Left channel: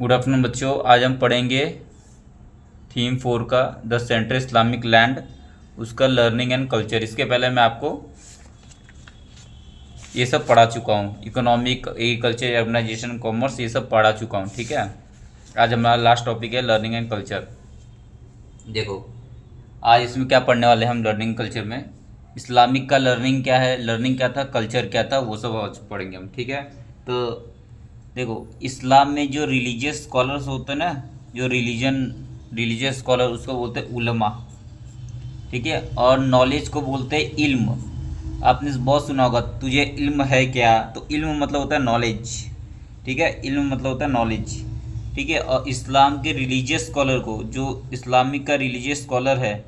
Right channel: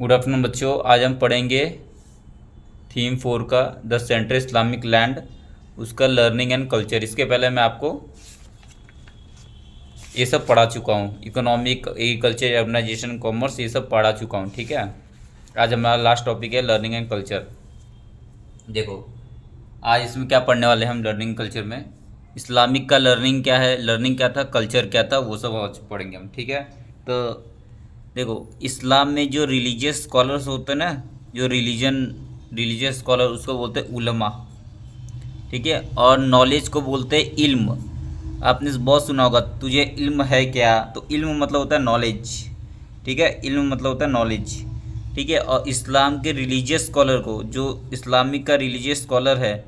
Good afternoon बच्चों। आज हम पढ़ेंगे थीम 4 का द सेंट्रल इस्लामिक लैंड, उसका लर्निंग एंड कल्चर। इसके पहले मैं आपको ये सब पढ़ा चुका हूँ, इकोनॉमिक, एग्रीकल्चर, अर्बनाइजेशन, कॉमर्स, ये सब पढ़ा चुका हूँ। ठीक है, आज हमारा लास्ट टॉपिक है लर्निंग एंड कल्चर। देखो आज इसमें क्या पढ़ने वाले हैं हम लर्निंग कल्चर में। इस्लामिक का लर्निंग क्या है, लर्निंग क्या था, कल्चर क्या था, वो सब आज पढ़ेंगे हम। ठीक है, तो देखो इस्लाम में जो रिलीजियस स्कॉलर्स होते हैं ना, जो रिलीजियस स्कॉलर, उसको बोलते हैं उलमा। ठीक है, और नॉलेज को बोलते हैं इल्म। आपने बहुत सुना होगा, तुझे इल्म है क्या, तो इल्म मतलब होता है नॉलेज। ठीक है, इल्म मतलब होता है नॉलेज। ठीक है, और इस्लाम के रिलीजियस स्कॉलर को, जो इस्लामिक का रिलीजियस स्कॉलर है,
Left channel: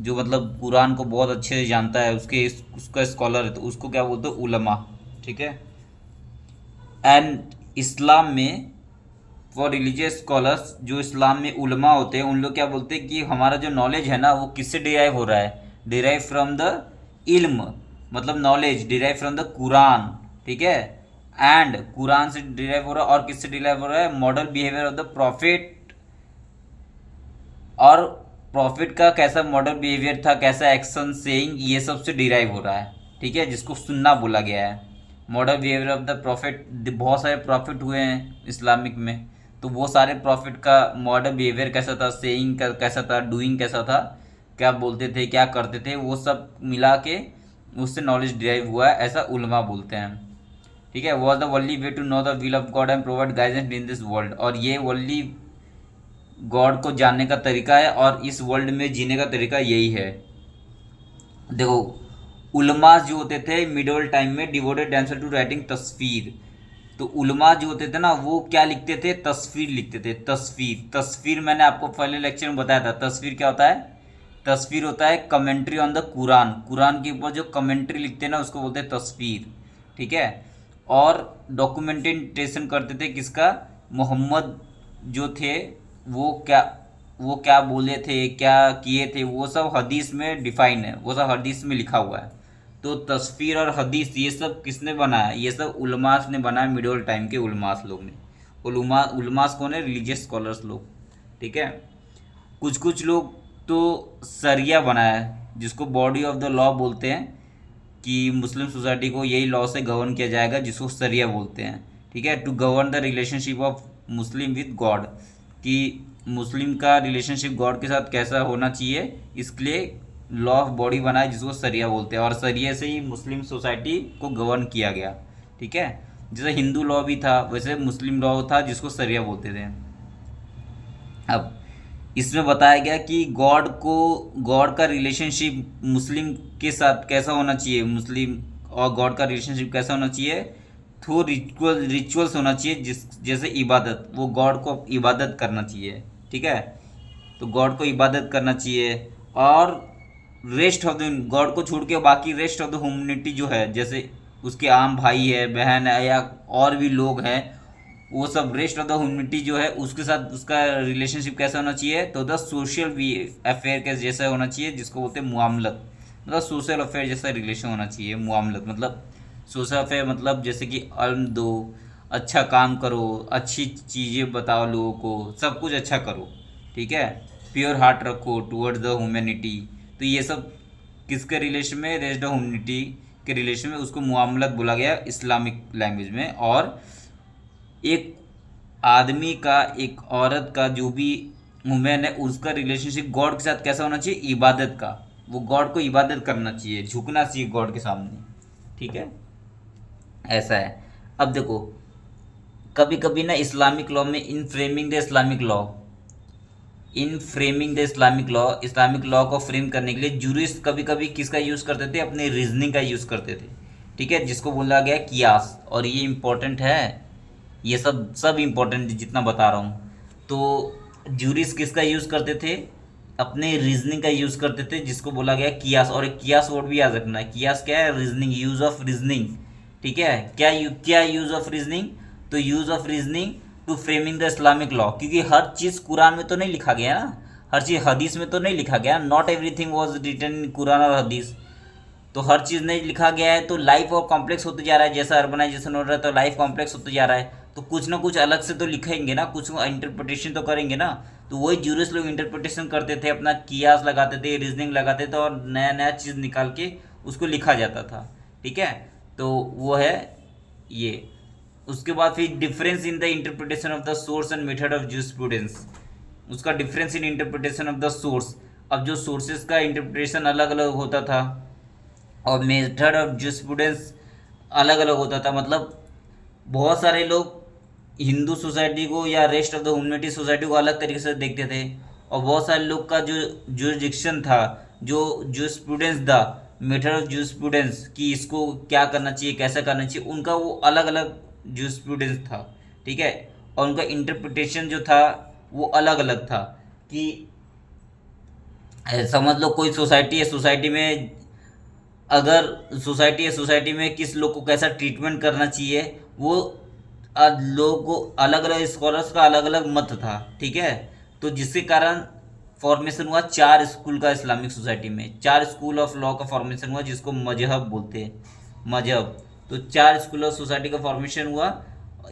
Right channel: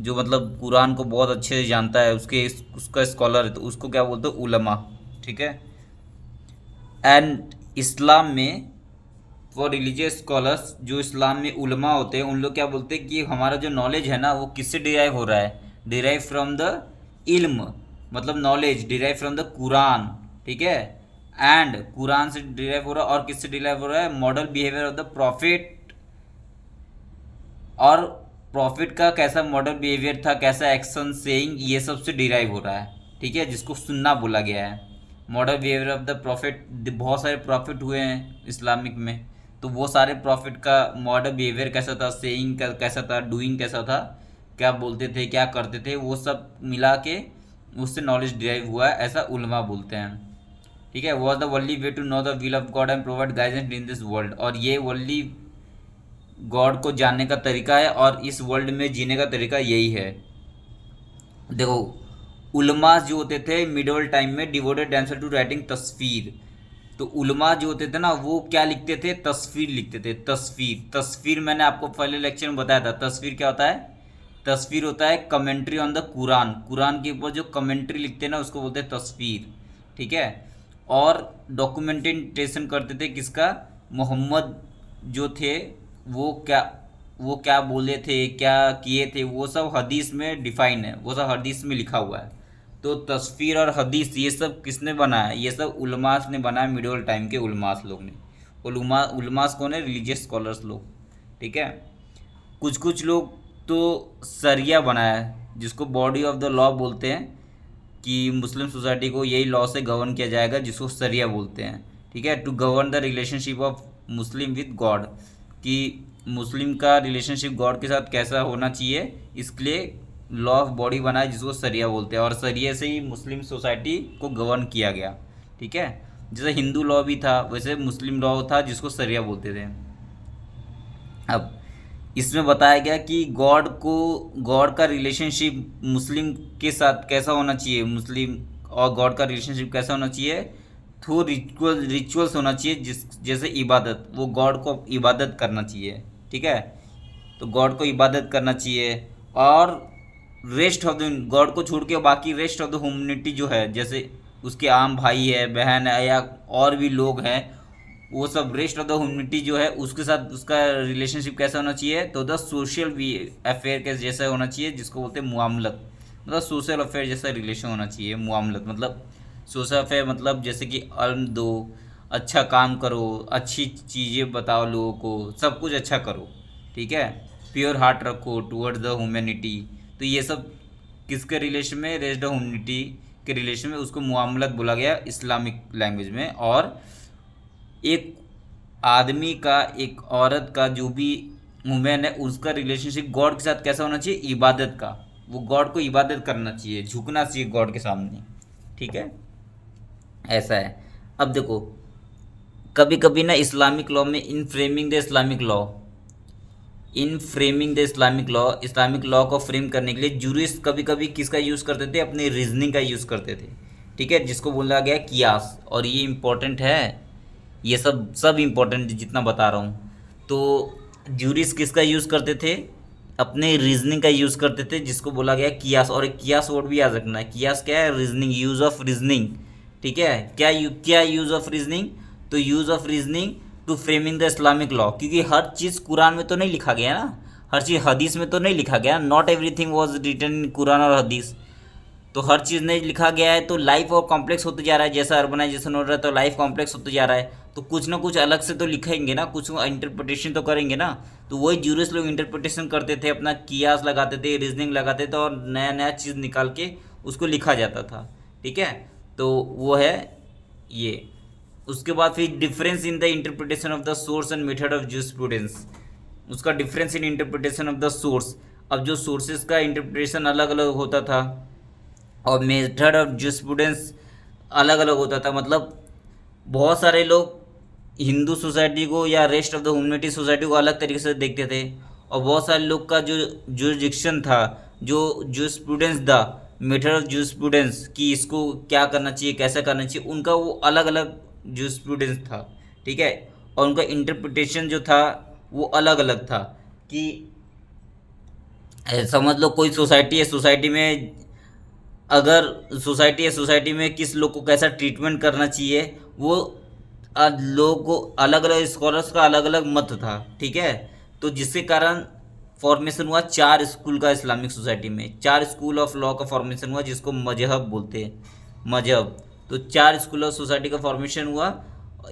जो मतलब कुरान को बहुत अच्छे से जानता है, उसका स्कॉलर है, तो उसको क्या बोलते हैं, उलमा। ठीक है, एंड इस्लाम में फॉर रिलीजियस स्कॉलर्स, जो इस्लाम में उलमा होते हैं, उन लोग क्या बोलते हैं कि हमारा जो नॉलेज है ना, वो किससे डिराइव हो रहा है, डिराइव फ्रॉम द इल्म, मतलब knowledge derive from the Quran. ठीक है, एंड कुरान से डिराइव हो रहा है, और किससे डिराइव हो रहा है, model behaviour of the profit. और प्रॉफिट का कैसा मॉडल बिहेवियर था, कैसा एक्शन सेइंग, ये सब से डिराइव हो रहा है। ठीक है, जिसको सुन्ना बोला गया है, model behaviour of the profit. बहुत सारे प्रॉफिट हुए हैं इस्लामिक में, तो वो सारे प्रॉफिट का मॉडल बिहेवियर कैसा था, सेइंग का कैसा था, डूइंग कैसा था, क्या बोलते थे, क्या करते थे, वो सब मिला के उससे नॉलेज डिराइव हुआ है, ऐसा उलमा बोलते हैं। ठीक है, was the only way to know the will of God and provide guidance in this world, और ये वनली गॉड को जानने का तरीका है, और इस वर्ल्ड में जीने का तरीका यही है। देखो उलमा जो होते थे मिडल टाइम में डिवोटेड आंसर टू राइटिंग तस्वीर। तो उलमा जो होते थे ना, वो क्या लिखते थे, तस्वीर लिखते थे। तस्वीर, तस्वीर मैंने आपको पहले लेक्चर में बताया था, तस्वीर क्या होता है। तस्वीर होता है commentary on the Quran, Quran के ऊपर जो कमेंट्री लिखते हैं ना, उसको बोलते हैं तस्वीर। ठीक है, और डॉक्यूमेंटेशन करते थे किसका, मोहम्मद जो थे, वो क्या वो क्या बोले थे, क्या किए थे, वो सब हदीस में डिफाइन है, वो सब हदीस में लिखा हुआ है। तो तस्वीर और हदीस ये सब किसने बनाया, ये सब उलमास ने बनाया, मिडल टाइम के उलमास लोग ने। उलमास कौन है, रिलीजियस स्कॉलर्स लोग। ठीक है, कुछ कुछ लोग तो सरिया बनाया है, जिसको बॉडी ऑफ द लॉ बोलते हैं, कि मुस्लिम सोसाइटी को यही लॉ से गवर्न किया जाएगा, जिसको सरिया बोलते हैं। ठीक है, to govern the relationship of Muslim with God, कि मुस्लिम का रिलेशनशिप गॉड के साथ कैसा होना चाहिए, इसके लिए लॉ ऑफ बॉडी बनाया, जिसको सरिया बोलते हैं, और सरिया से ही मुस्लिम सोसाइटी को गवर्न किया गया। ठीक है, जैसे हिंदू लॉ भी था, वैसे मुस्लिम लॉ था, जिसको सरिया बोलते थे। अब इसमें बताया गया कि गॉड का रिलेशनशिप मुस्लिम के साथ कैसा होना चाहिए, मुस्लिम और गॉड का रिलेशनशिप कैसा होना चाहिए, थ्रू रिचुअल्स होना चाहिए, जिस जैसे इबादत, वो गॉड को इबादत करना चाहिए। ठीक है, तो गॉड को इबादत करना चाहिए, और रेस्ट ऑफ द गॉड को छोड़ के बाकी रेस्ट ऑफ द ह्यूमनिटी जो है, जैसे उसके आम भाई है, बहन है, या और भी लोग हैं, वो सब रेस्ट ऑफ द ह्यूमनिटी जो है, उसके साथ उसका रिलेशनशिप कैसा होना चाहिए, तो द सोशल भी अफेयर के जैसा होना चाहिए, जिसको बोलते हैं मुआमलत। मतलब सोशल अफेयर जैसा रिलेशन होना चाहिए। मुआमलत मतलब सोशल अफेयर, मतलब जैसे कि अर्न दो, अच्छा काम करो, अच्छी चीज़ें बताओ लोगों को, सब कुछ अच्छा करो। ठीक है, प्योर हार्ट रखो टुवर्ड्स द ह्यूमैनिटी। तो ये सब किसके रिलेशन में, रेस्ट ऑफ ह्यूमनिटी के रिलेशन में, उसको मुआमलत बोला गया इस्लामिक लैंग्वेज में। और एक आदमी का, एक औरत का, जो भी वुमेन है, उसका रिलेशनशिप गॉड के साथ कैसा होना चाहिए, इबादत का। वो गॉड को इबादत करना चाहिए, झुकना चाहिए गॉड के सामने। ठीक है, ऐसा है। अब देखो कभी कभी ना इस्लामिक लॉ में, इस्लामिक लॉ को फ्रेम करने के लिए जूरिस्ट कभी कभी किसका यूज़ करते थे, अपने रीजनिंग का यूज़ करते थे। ठीक है, जिसको बोला गया कियास, और ये इम्पोर्टेंट है, ये सब सब इम्पोर्टेंट जितना बता रहा हूँ। तो जूरिस्ट किसका यूज़ करते थे, अपने रीजनिंग का यूज़ करते थे, जिसको बोला गया कियास। और एक कियास वर्ड भी याद रखना है, कियास क्या है, रीजनिंग, यूज़ ऑफ रीजनिंग। ठीक है, क्या यूज़ ऑफ रीजनिंग, तो use of reasoning to framing the Islamic law, क्योंकि हर चीज़ कुरान में तो नहीं लिखा गया ना, हर चीज़ हदीस में तो नहीं लिखा गया, not everything was written in Quran और हदीस। तो हर चीज़ नहीं लिखा गया है, तो लाइफ और कॉम्प्लेक्स होते जा रहा है, जैसा अर्बनाइजेशन हो रहा है, तो लाइफ कॉम्प्लेक्स होते जा रहा है। तो कुछ ना कुछ अलग से तो लिखेंगे ना, कुछ इंटरप्रिटेशन तो करेंगे ना। तो वही जूरिस्ट लोग इंटरप्रिटेशन करते थे, अपना कियास लगाते थे, रीजनिंग लगाते थे, और नया नया चीज़ निकाल के उसको लिखा जाता था। ठीक है, तो वो है ये। उसके बाद फिर difference in the interpretation of the source and method of jurisprudence. उसका difference in interpretation of the source. अब जो सोर्सेज का इंटरप्रिटेशन अलग अलग होता था और मेथड ऑफ जूरिस्प्रूडेंस अलग अलग होता था, मतलब बहुत सारे लोग हिंदू सोसाइटी को या rest of the humanity society को अलग तरीके से देखते थे, और बहुत सारे लोग का जो जुरिडिक्शन था, जो जूरिस्प्रूडेंस था, मेथड ऑफ जूरिस्प्रूडेंस कि इसको क्या करना चाहिए, कैसा करना चाहिए, उनका वो अलग अलग जूरिस्प्रूडेंस था। ठीक है, और उनका इंटरप्रिटेशन जो था वो अलग अलग था। कि समझ लो कोई सोसाइटी है, सोसाइटी में अगर सोसाइटी है, सोसाइटी में किस लोग को कैसा ट्रीटमेंट करना चाहिए, वो लोगों को अलग अलग स्कॉलर्स का अलग अलग मत था। ठीक है, तो जिसके कारण फॉर्मेशन हुआ 4 स्कूल का इस्लामिक सोसाइटी में, 4 स्कूल ऑफ लॉ का फॉर्मेशन हुआ, जिसको मजहब बोलते हैं, मजहब। तो 4 स्कूल ऑफ सोसाइटी का फॉर्मेशन हुआ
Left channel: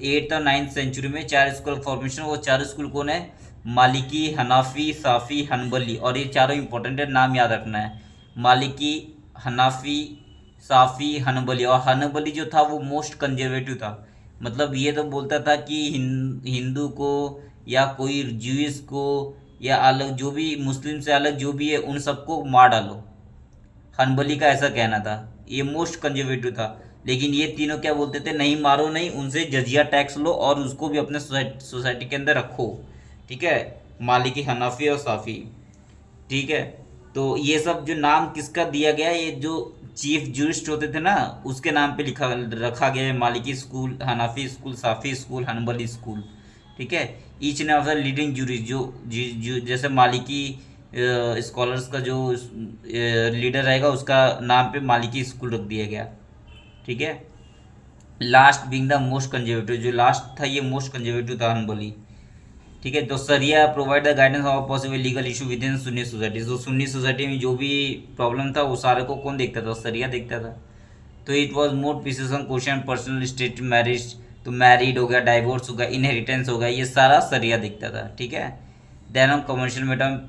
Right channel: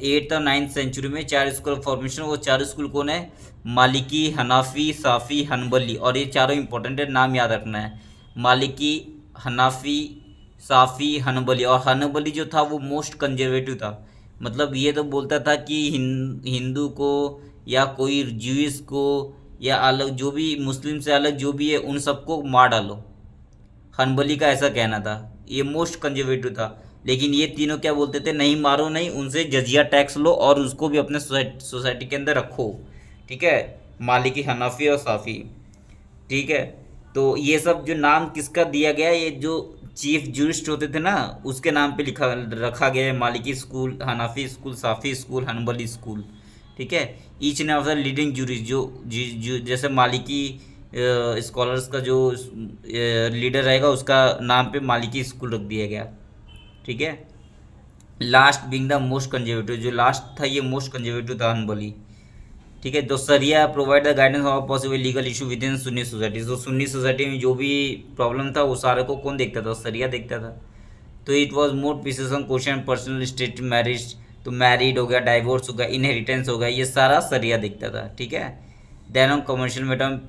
8th और 9th सेंचुरी में। 4 स्कूल ऑफ फॉर्मेशन, वो 4 स्कूल कौन है? मालिकी, हनाफी, साफ़ी, हनबली। और ये चारों इंपॉर्टेंट है, नाम याद रखना है। मालिकी, हनाफी, साफ़ी, हनबली। और हनबली जो था वो मोस्ट कंजर्वेटिव था, मतलब ये तो बोलता था कि हिंदू को या कोई ज्यूइश को या अलग जो भी मुस्लिम से अलग जो भी है उन सबको मार डालो। हनबली का ऐसा कहना था, ये मोस्ट कंजर्वेटिव था। लेकिन ये तीनों क्या बोलते थे? नहीं, मारो नहीं, उनसे जजिया टैक्स लो और उसको भी अपने सोसाइटी के अंदर रखो। ठीक है, मालिकी, हनाफी और साफ़ी। ठीक है, तो ये सब जो नाम किसका दिया गया, ये जो चीफ जूरिस्ट होते थे ना, उसके नाम पे लिखा रखा गया है। Maliki school, Hanafi school, Shafi school, Hanbali school. ठीक है, each and of the leading jurist जो जैसे मालिकी स्कॉलर्स का जो लीडर रहेगा उसका नाम पे मालिकी स्कूल रख दिया गया। ठीक है, last being the most conservative, जो लास्ट था ये मोस्ट कंजर्वेटिव था, हनबली। ठीक है, तो सरिया provide the guidance of possible legal issue with in Sunni society. तो सुन्नी सोसाइटी में जो भी प्रॉब्लम था वो सारे को कौन देखता था? सरिया देखता था। तो it was more pieces on question personal state marriage, तो मैरिड हो गया, डाइवोर्स हो गया, इनहेरिटेंस हो गया, ये सारा सरिया देखता था। ठीक है, then on commercial matter,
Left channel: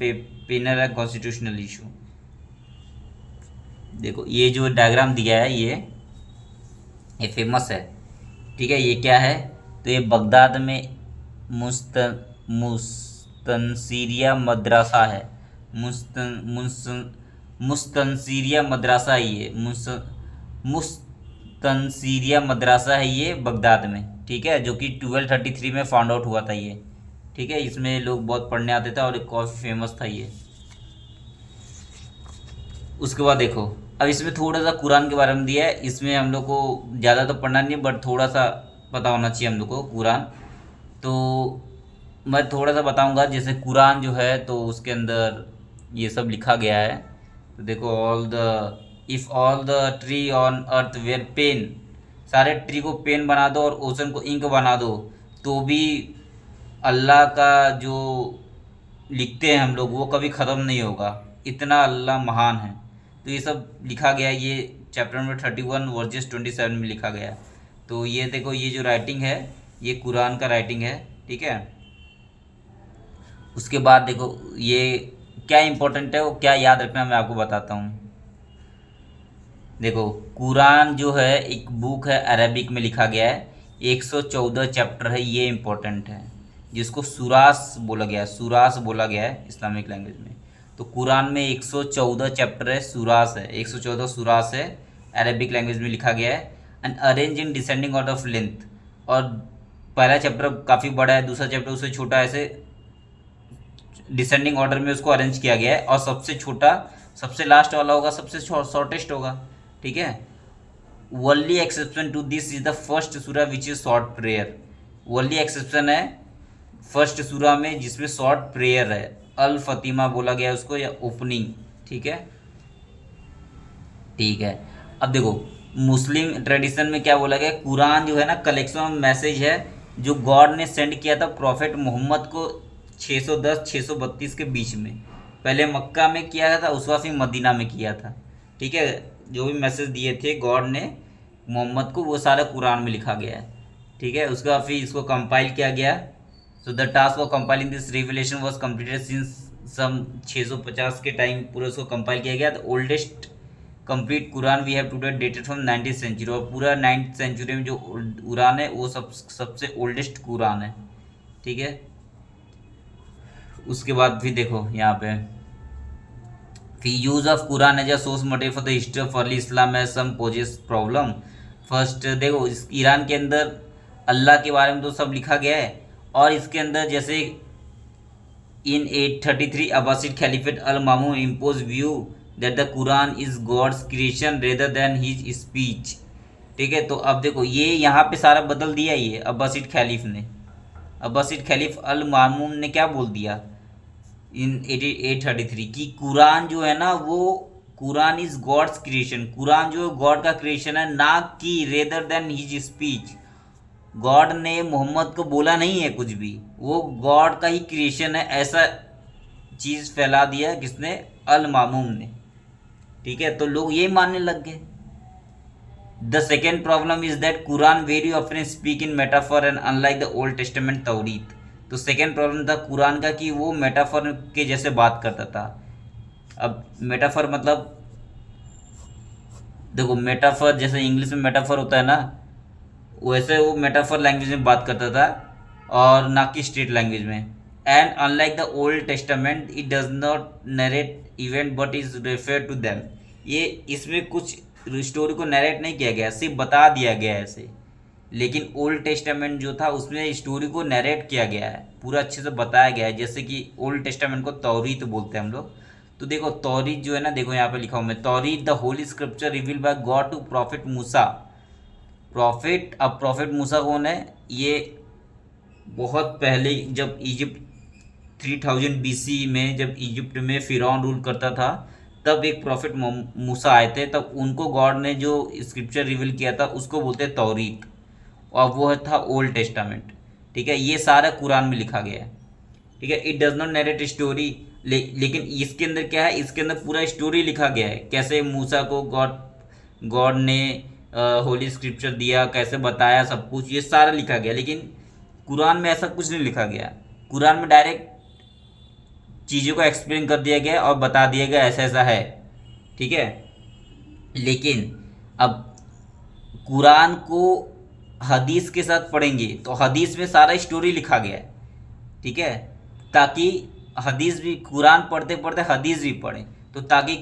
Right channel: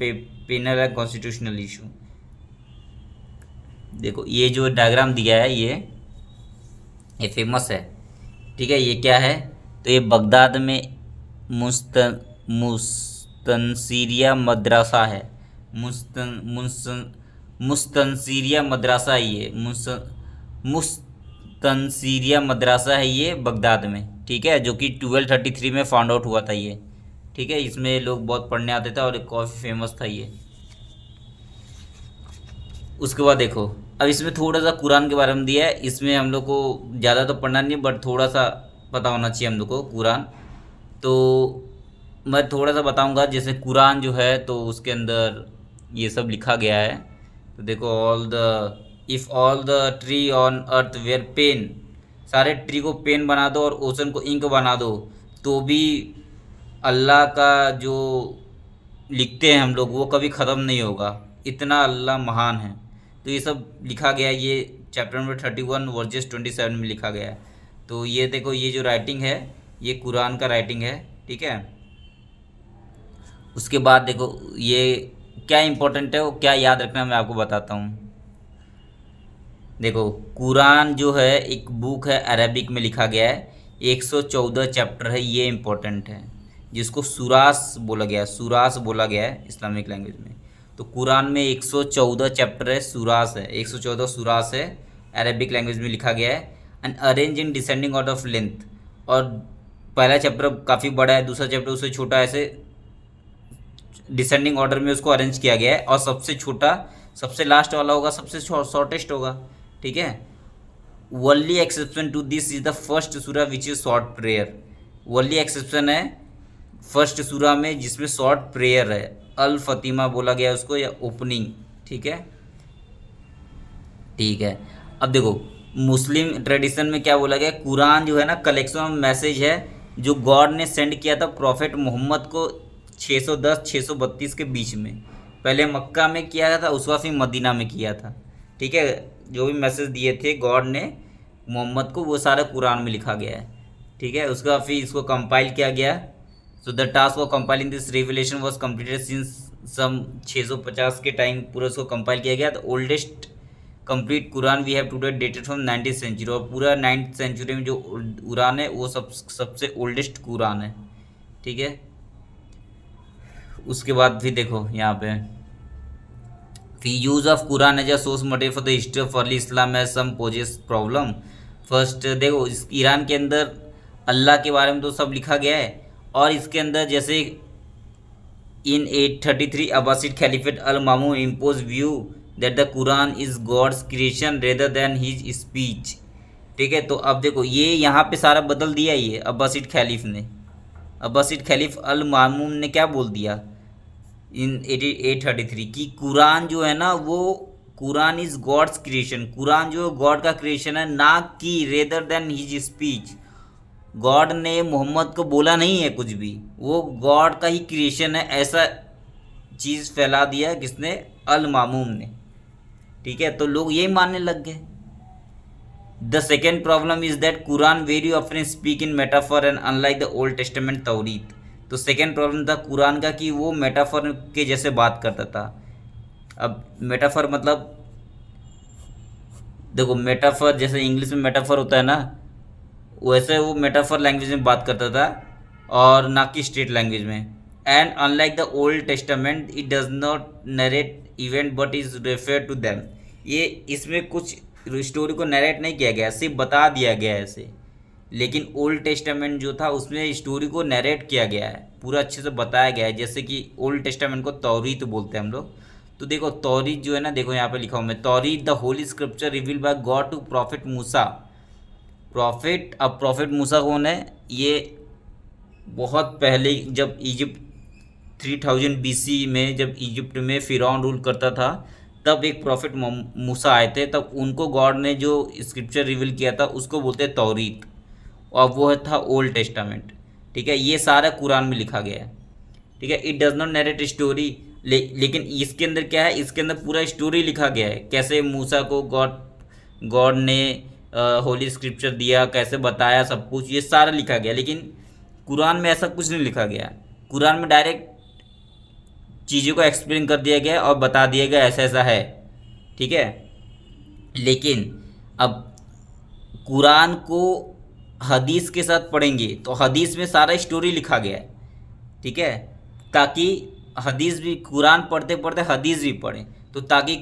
penal and constitutional issue. देखो ये जो डायग्राम दिया है ये फेमस है। ठीक है, ये क्या है? तो ये बगदाद में मुस्तनसीरिया मद्रासा है। मुस्तनसीरिया मद्रासा है ये, मुस्तनसीरिया मद्रासा है ये बगदाद में। ठीक है, जो कि 1233 में फाउंड आउट हुआ था ये। ठीक है, इसमें लोग बहुत पढ़ने आते थे और काफ़ी फेमस था ये। उसके बाद देखो, अब इसमें थोड़ा सा कुरान के बारे में दिया है। इसमें हम लोग को ज़्यादा तो पढ़ना नहीं, बट थोड़ा सा पता होना चाहिए हम लोग को कुरान। तो मैं थोड़ा सा बताऊंगा। जैसे कुरान जो है तो उसके अंदर ये सब लिखा गया है। तो देखो, if all the tree on earth were pen, सारे ट्री को पेन बना दो और ओशन को इंक बना दो, तो भी अल्लाह का जो लिखते हैं हम लोग वो कभी ख़त्म नहीं होगा, इतना अल्लाह महान है। तो ये सब लिखा गया है, ये चैप्टर नंबर 31 वर्सेस 27 में लिखा गया है। तो ये देखो, ये जो राइटिंग है ये कुरान का राइटिंग है। ठीक है, उसके बाद देखो ये क्या इंपॉर्टेंट है, वो क्या याद रखना मैं आपको बताता हूँ। देखो, कुरान जो है एक बुक है, अरबिक में लिखा गया है, 114 चैप्टर है, ये इम्पोर्टेंट है, जिसको सूरास बोला गया है, सूरास बोला गया है इस्लामिक लैंग्वेज में। तो कुरान में 114 चैप्टर है, सूरास है, 114 सूरास है, अरबिक लैंग्वेज में लिखा गया है। And arrange in descending out of length, और पहला चैप्टर काफ़ी बड़ा है, दूसरा चैप्टर उससे छोटा, ऐसे डिसेंडिंग ऑर्डर में उसको अरेंज किया गया है। और सबसे छोटा सबसे लास्ट वाला होगा, सबसे शॉर्टेस्ट होगा। ठीक है, only exception to this is the first surah which is short prayer. Only exception है फर्स्ट सूरा में जिसमें शॉर्ट प्रेयर है, अल फतीमा बोला गया है उसको, या ओपनिंग। ठीक है, ठीक है। अब देखो, मुस्लिम ट्रेडिशन में क्या बोला गया, कुरान जो है ना कलेक्शन ऑफ मैसेज है जो गॉड ने सेंड किया था प्रॉफिट मोहम्मद को 610-632 के बीच में। पहले मक्का में किया था, उसके बाद फिर मदीना में किया था। ठीक है, जो भी मैसेज दिए थे गॉड ने मोहम्मद को वो सारा कुरान में लिखा गया है। ठीक है, उसका फिर इसको कंपाइल किया गया। So the task of compiling this revelation was completed since some 650 के टाइम पूरा उसको कंपाइल किया गया। The oldest complete Quran we have today dated from 19th century, और पूरा 9th सेंचुरी में जो कुरान है वो सबसे ओल्डेस्ट कुरान है। ठीक है, उसके बाद फिर देखो यहाँ पे फिर use of Quran as a source material for the history of early Islam है सम पोजेस प्रॉब्लम। फर्स्ट देखो, इस ईरान के अंदर अल्लाह के बारे में तो सब लिखा गया है, और इसके अंदर जैसे in 833 Abbasid caliphate al Mamun impose view that the Quran is God's creation rather than his speech. ठीक है, तो अब देखो ये यहाँ पे सारा बदल दिया, ये अब्बासिड खलीफ ने, अब्बासिड खलीफ अल मामून ने क्या बोल दिया इन 833 की कुरान जो है ना वो Quran is God's creation, Quran जो गॉड का क्रिएशन है, ना कि rather than his speech. God ने मोहम्मद को बोला नहीं है कुछ भी, वो गॉड का ही क्रिएशन है, ऐसा चीज़ फैला दिया किसने, अल मामूम ने। ठीक है, तो लोग यही मानने लग गए। The second problem is that Quran very often speak in metaphor and unlike the old testament Taurat. तो सेकेंड प्रॉब्लम था कुरान का कि वो मेटाफॉर के जैसे बात करता था। अब मेटाफॉर मतलब देखो, मेटाफॉर जैसे इंग्लिश में मेटाफॉर होता है ना, वैसे वो मेटाफॉर लैंग्वेज में बात करता था और ना कि स्ट्रेट लैंग्वेज में। And unlike the old Testament it does not narrate event but is refer to them. ये इसमें कुछ स्टोरी को नरेट नहीं किया गया, सिर्फ बता दिया गया है ऐसे। लेकिन ओल्ड टेस्टामेंट जो था उसमें स्टोरी को नरेट किया गया है, पूरा अच्छे से बताया गया है। जैसे कि ओल्ड टेस्टामेंट को तौरीत बोलते हैं हम लोग। तो देखो तौरीत जो है ना, देखो यहाँ पे लिखा हूँ मैं, Taurat the holy scripture revealed by God to prophet Musa. Prophet, अब प्रॉफिट मूसा कौन है, ये बहुत पहले जब इजिप्ट 3000 BC में जब इजिप्ट में फिरौन रूल करता था, तब एक प्रॉफिट मूसा आए थे, तब उनको गॉड ने जो स्क्रिप्चर रिवील किया था उसको बोलते हैं तौरीत, और वो था ओल्ड टेस्टामेंट। ठीक है, ये सारा कुरान में लिखा गया है। ठीक है, it does not narrate story, लेकिन इसके अंदर क्या है, इसके अंदर पूरा स्टोरी लिखा गया है, कैसे मूसा को गॉड गॉड ने होली स्क्रिप्चर दिया, कैसे बताया, सब कुछ ये सारा लिखा गया। लेकिन कुरान में ऐसा कुछ नहीं लिखा गया। कुरान में डायरेक्ट चीज़ों को एक्सप्लेन कर दिया गया और बता दिया गया ऐसा ऐसा है। ठीक है, लेकिन अब कुरान को हदीस के साथ पढ़ेंगे तो हदीस में सारा स्टोरी लिखा गया है। ठीक है, ताकि हदीस भी, कुरान पढ़ते पढ़ते हदीस भी पढ़ें, तो ताकि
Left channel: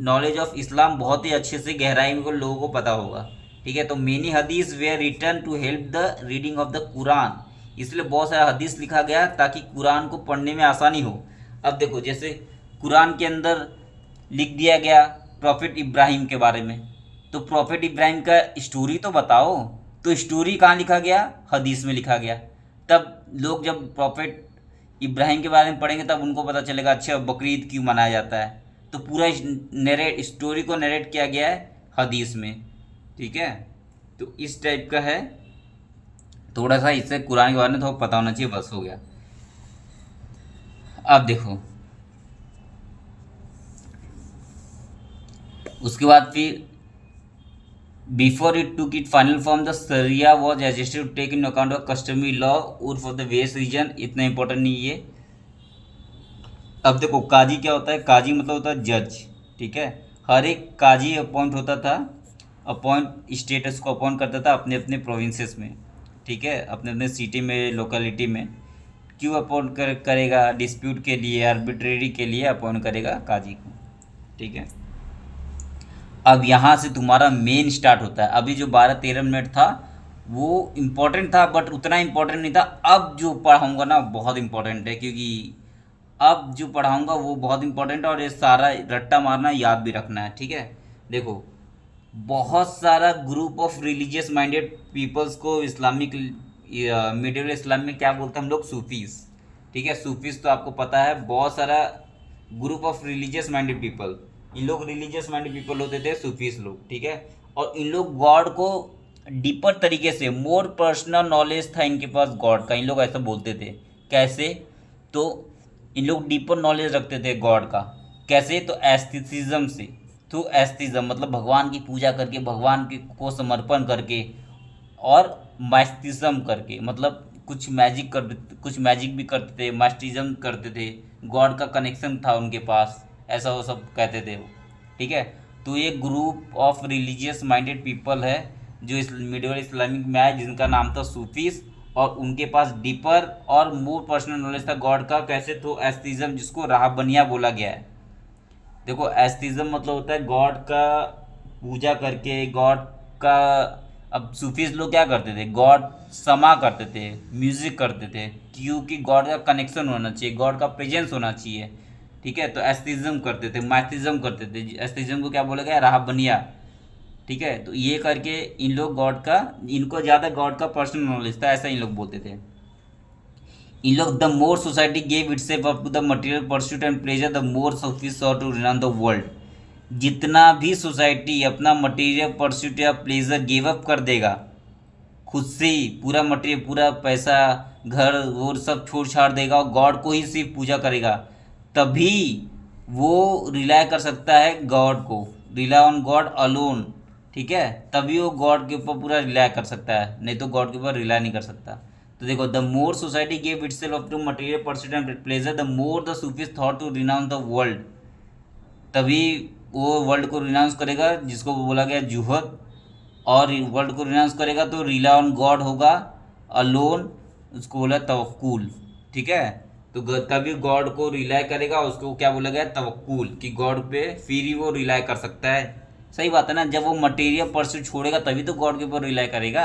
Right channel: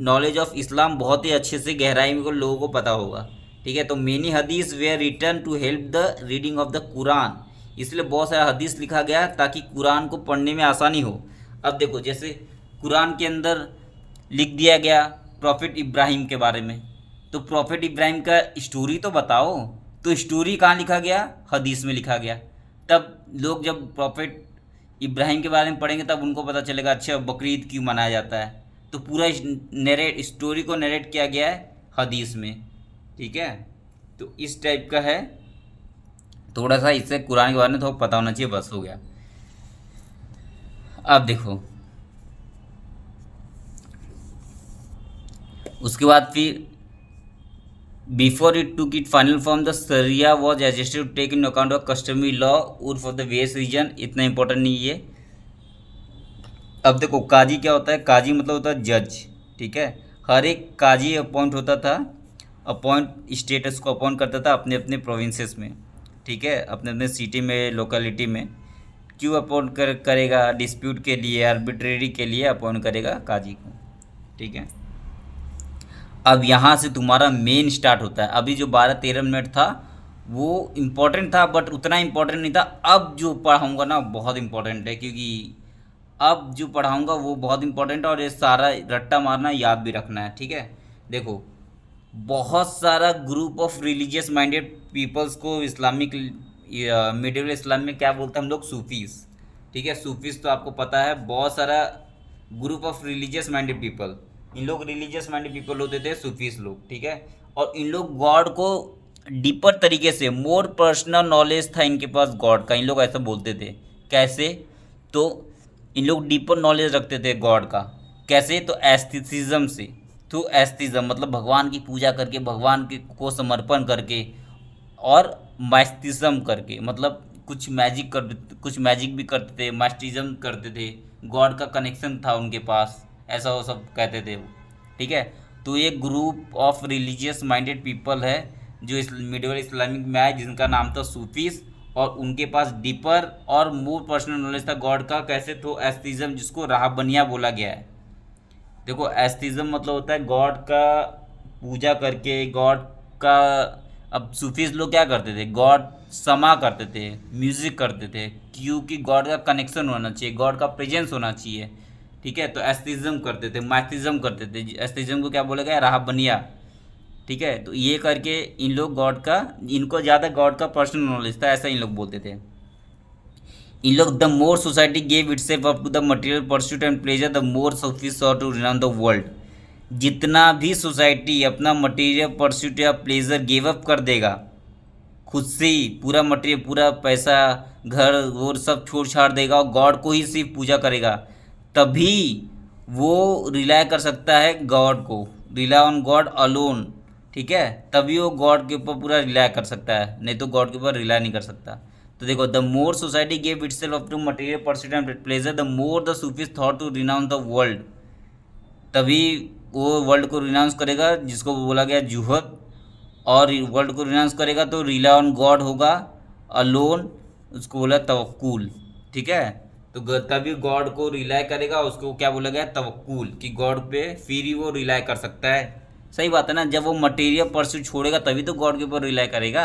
नॉलेज ऑफ इस्लाम बहुत ही अच्छे से गहराई में लोगों को पता होगा। ठीक है, तो मेनी हदीस were written to help the reading of the Quran, इसलिए बहुत सारा हदीस लिखा गया ताकि कुरान को पढ़ने में आसानी हो। अब देखो, जैसे कुरान के अंदर लिख दिया गया प्रॉफिट इब्राहिम के बारे में, तो प्रॉफिट इब्राहिम का स्टोरी तो बताओ, तो स्टोरी कहाँ लिखा गया, हदीस में लिखा गया। तब लोग जब प्रॉफिट इब्राहिम के बारे में पढ़ेंगे तब उनको पता चलेगा अच्छा बकरीद क्यों मनाया जाता है। तो पूरा नरेट स्टोरी को नरेट किया गया है हदीस में। ठीक है, तो इस टाइप का है, थोड़ा सा इससे कुरान के बारे में थोड़ा पता होना चाहिए, बस हो गया। अब देखो उसके बाद फिर before it took it final form the Sharia was adjusted to take into account of customary law उर्फ ऑफ द वेस्ट रीजन। इतना इंपॉर्टेंट नहीं है। अब देखो काजी क्या होता है, काजी मतलब होता है जज। ठीक है, हर एक काजी अपॉइंट होता था, अपॉइंट स्टेटस को अपॉइंट करता था अपने अपने प्रोविंसेस में। ठीक है, अपने अपने सिटी में, लोकेलिटी में। क्यों अपॉइंट करेगा, डिस्प्यूट के लिए, आर्बिट्रेरी के लिए अपॉइंट करेगा काजी को। ठीक है, अब यहाँ से तुम्हारा मेन स्टार्ट होता है। अभी जो 12-13 मिनट था वो इम्पोर्टेंट था, बट उतना इम्पोर्टेंट नहीं था। अब जो पढ़ाऊँगा ना बहुत इम्पोर्टेंट है, क्योंकि अब जो पढ़ाऊँगा वो बहुत इम्पोर्टेंट है, और ये सारा रट्टा मारना, याद भी रखना है। ठीक है, देखो बहुत सारा group of religious minded peoples को इस्लामिक मिडिल इस्लाम में क्या बोलते हैं हम लोग, सूफीज़। ठीक है, सूफीज़ तो आपको पता है, बहुत सारा group of religious minded people, इन लोग रिलीजियस माइंडेड पीपल होते थे सूफीज लोग। ठीक है, और इन लोग गॉड को डीपर तरीके से, मोर पर्सनल नॉलेज था इनके पास गॉड का, इन लोग ऐसा बोलते थे। कैसे, तो इन लोग डीपर नॉलेज रखते थे गॉड का। कैसे, तो एस्थेटिज्म से, थ्रू एस्थेटिज्म मतलब भगवान की पूजा करके, भगवान को समर्पण करके, और मास्टिज्म करके, मतलब कुछ मैजिक भी करते थे, मास्टिज्म करते थे, गॉड का कनेक्शन था उनके पास, ऐसा वो सब कहते थे वो। ठीक है। तो ये group of religious minded people है जो इस मिडिवल इस्लामिक में आए, जिनका नाम था सूफीस, और उनके पास डीपर और मोर पर्सनल नॉलेज था गॉड का। कैसे? तो एस्थीज्म, जिसको राहबनिया बोला गया है। देखो, एस्थीज्म मतलब होता है गॉड का पूजा करके, गॉड का। अब सूफीज लोग क्या करते थे? गॉड समा करते थे, म्यूजिक करते थे, क्योंकि गॉड का कनेक्शन होना चाहिए, गॉड का प्रेजेंस होना चाहिए। ठीक है। तो एस्थीज्म करते थे, माइथिज्म करते थे। एस्थीज्म को क्या बोला गया? राहबनिया। ठीक है। तो ये करके इन लोग गॉड का, इनको ज़्यादा गॉड का पर्सनल नॉलेज था, ऐसा इन लोग बोलते थे। इन लोग, the more society gave itself up to the material pursuit and pleasure, the more Sufis saw to renounce the world. जितना भी सोसाइटी अपना मटेरियल परस्यूट या प्लेजर गिव अप कर देगा, खुद से ही पूरा मटेरियल, पूरा पैसा, घर और सब छोड़ छाड़ देगा और गॉड को ही सिर्फ पूजा करेगा, तभी वो रिलाय कर सकता है गॉड को, रिलाय ऑन गॉड अलोन। ठीक है। तभी वो गॉड के ऊपर पूरा रिलाय कर सकता है, नहीं तो गॉड के ऊपर रिलाय नहीं कर सकता। तो देखो, the more society gave itself up to material pursuit and pleasure, the more the Sufis thought to renounce the world. तभी वो वर्ल्ड को रिनाउंस करेगा, जिसको बोला गया जुहद। और वर्ल्ड को रिनाउंस करेगा तो रिला ऑन गॉड होगा, अलोन, उसको बोला तवक्कुल। ठीक है। तो तभी गॉड को रिलाय करेगा, उसको क्या बोला गया? तवक्कुल, कि गॉड पे फिर ही वो रिलाय कर सकता है। सही बात है ना? जब वो मटेरियल परस्यू छोड़ेगा तभी तो गॉड के ऊपर रिलाय करेगा।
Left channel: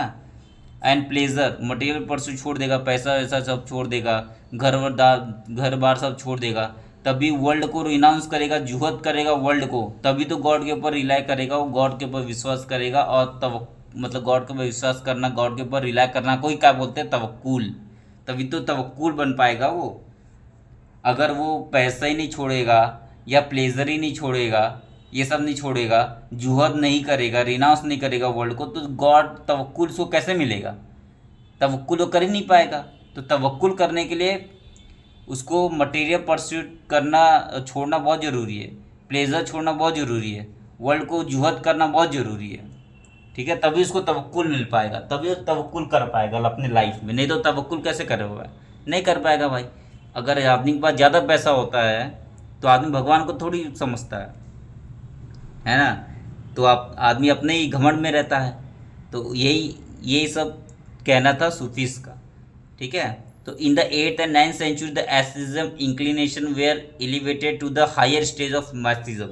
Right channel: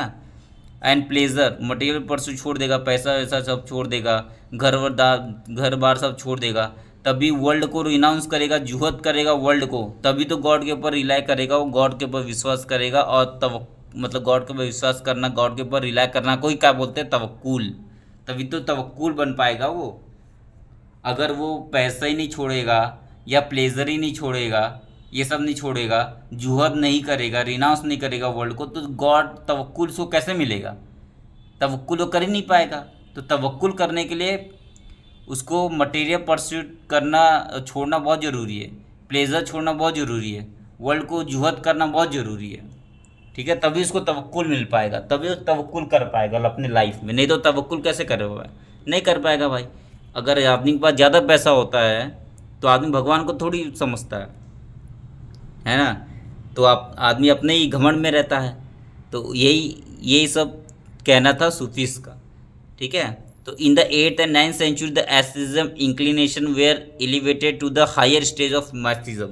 एंड प्लेजर, मटेरियल परस्यू छोड़ देगा, पैसा वैसा सब छोड़ देगा, घर बार सब छोड़ देगा, तभी वर्ल्ड को रिनाउंस करेगा, जुहद करेगा वर्ल्ड को, तभी तो गॉड के ऊपर रिलाय करेगा, वो गॉड के ऊपर विश्वास करेगा। और तब मतलब गॉड के ऊपर विश्वास करना, गॉड के ऊपर रिलाय करना को ही क्या बोलते हैं? तवक्कुल। तभी तो तवक्कुल बन पाएगा वो। अगर वो पैसा ही नहीं छोड़ेगा, या प्लेजर ही नहीं छोड़ेगा, ये सब नहीं छोड़ेगा, जुहद नहीं करेगा, रिनाउंस नहीं करेगा वर्ल्ड को, तो गॉड तवक्कुल उसको कैसे मिलेगा? तवक्कुल वो कर ही नहीं पाएगा। तो तवक्कुल करने के लिए उसको मटेरियल परस्यूट करना छोड़ना बहुत ज़रूरी है, प्लेजर छोड़ना बहुत ज़रूरी है, वर्ल्ड को जुहद करना बहुत ज़रूरी है। ठीक है। तभी उसको तवक्कुल मिल पाएगा, तभी वो तवक्कुल कर पाएगा अपने लाइफ में, नहीं तो तवक्कुल कैसे करेगा? नहीं कर पाएगा भाई। अगर आदमी के पास ज़्यादा पैसा होता है तो आदमी भगवान को थोड़ी समझता है ना? तो आप आदमी अपने ही घमंड में रहता है। तो यही यही सब कहना था सूफीस का। ठीक है। तो in the 8th and 9th century the asceticism inclination were elevated to the higher stage of mysticism.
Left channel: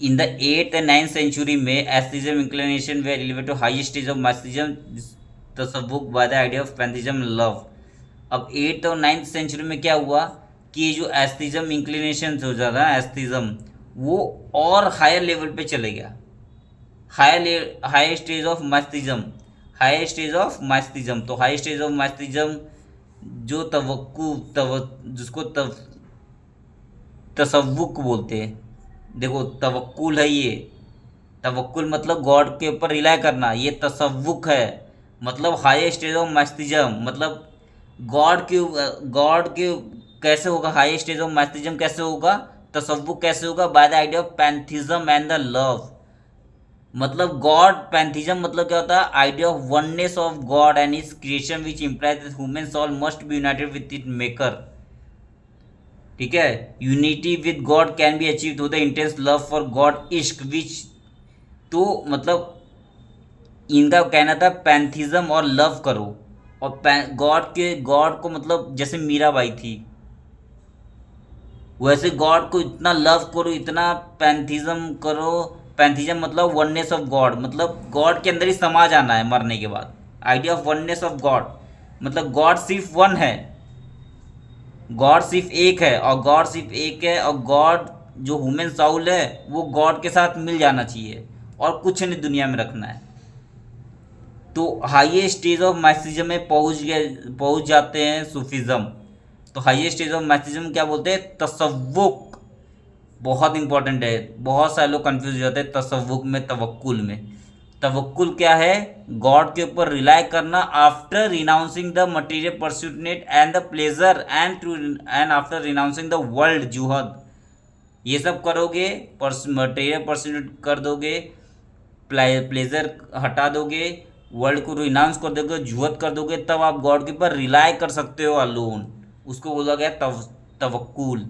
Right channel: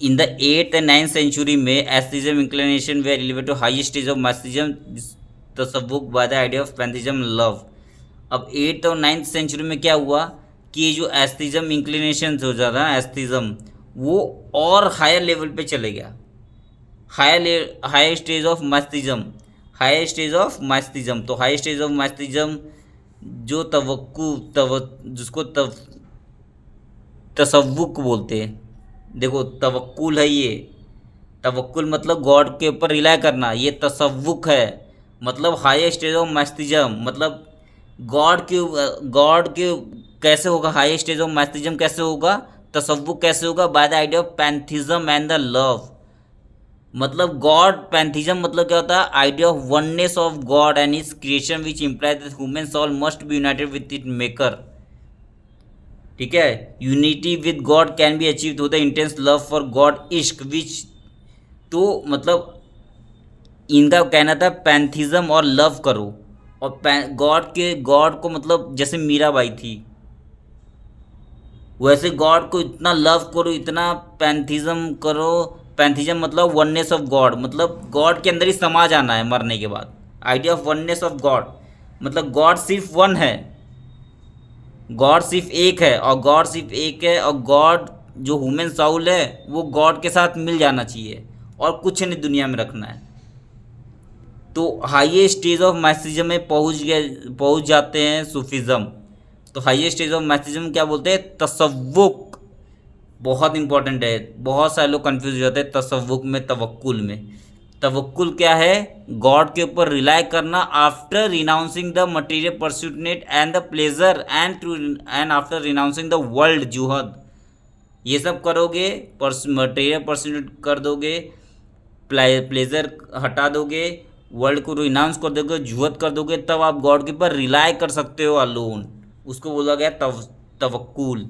In the 8th and 9th century में asceticism inclination were elevated to higher stage of mysticism, तसव्वुक by the idea of pantheism love. अब 8th और 9th century में क्या हुआ कि ये जो एस्थेटिज्म इंक्लिनेशन हो जाता है, एस्थेटिज्म, वो और हायर लेवल पे चले गया, higher stage of mysticism, higher stage of mysticism. तो हायर स्टेज ऑफ मस्तिज्म जो जिसको तसव्वुक बोलते हैं। देखो, तवक्कुल है ये, तवक्कुल मतलब गॉड के ऊपर रिलाय करना, ये तसव्वुक है मतलब हायर स्टेज ऑफ मस्तिज्म, मतलब गॉड के कैसे होगा? हायर स्टेज ऑफ मस्तिज्म कैसे होगा? तसव्वुक कैसे होगा? By the idea of pantheism and the love. मतलब गॉड, पैंथिज्म मतलब क्या होता है? Idea of oneness of God and his creation which implies that human soul must be united with it maker. ठीक है। Unity with God can be achieve through the intense love for God, इश्क which. तो मतलब इनका कहना था pantheism और love करो, और गॉड को मतलब जैसे मीराबाई थी वैसे गॉड को इतना लव करो, इतना पैंथिज्म करो। पैंथिज्म मतलब वननेस ऑफ गॉड, मतलब गॉड के अंदर ही समा जाना है मरने के बाद। Idea of oneness of God मतलब गॉड सिर्फ वन है, गॉड सिर्फ एक है, और गॉड सिर्फ एक है, और गॉड जो ह्यूमन साउल है वो गॉड के साथ मिल जाना चाहिए, और कुछ नहीं दुनिया में रखना है। तो हाईएस्ट स्टेज ऑफ मैथिज्म में पहुंच जाते हैं सूफिज्म। तो हाईएस्ट स्टेज ऑफ मैथिज्म क्या बोलते हैं? तसव्वुक। बहुत इंपॉर्टेंट है, बहुत सारे लोग कंफ्यूज हो जाते हैं तसव्वुक में, तवक्कुल में। तवक्कुल क्या है? गॉड के ऊपर रिलाय करना after renouncing the material pursuit and the pleasure and after renouncing the world जुहद। ये सब करोगे, मटेरियल परस्यूट कर दोगे, प्लेजर हटा दोगे, वर्ल्ड को रिनाउंस कर दोगे, जुहद कर दोगे, तब आप गॉड के ऊपर रिलाय कर सकते हो अलोन। उसको बोला गया तवक्कुल।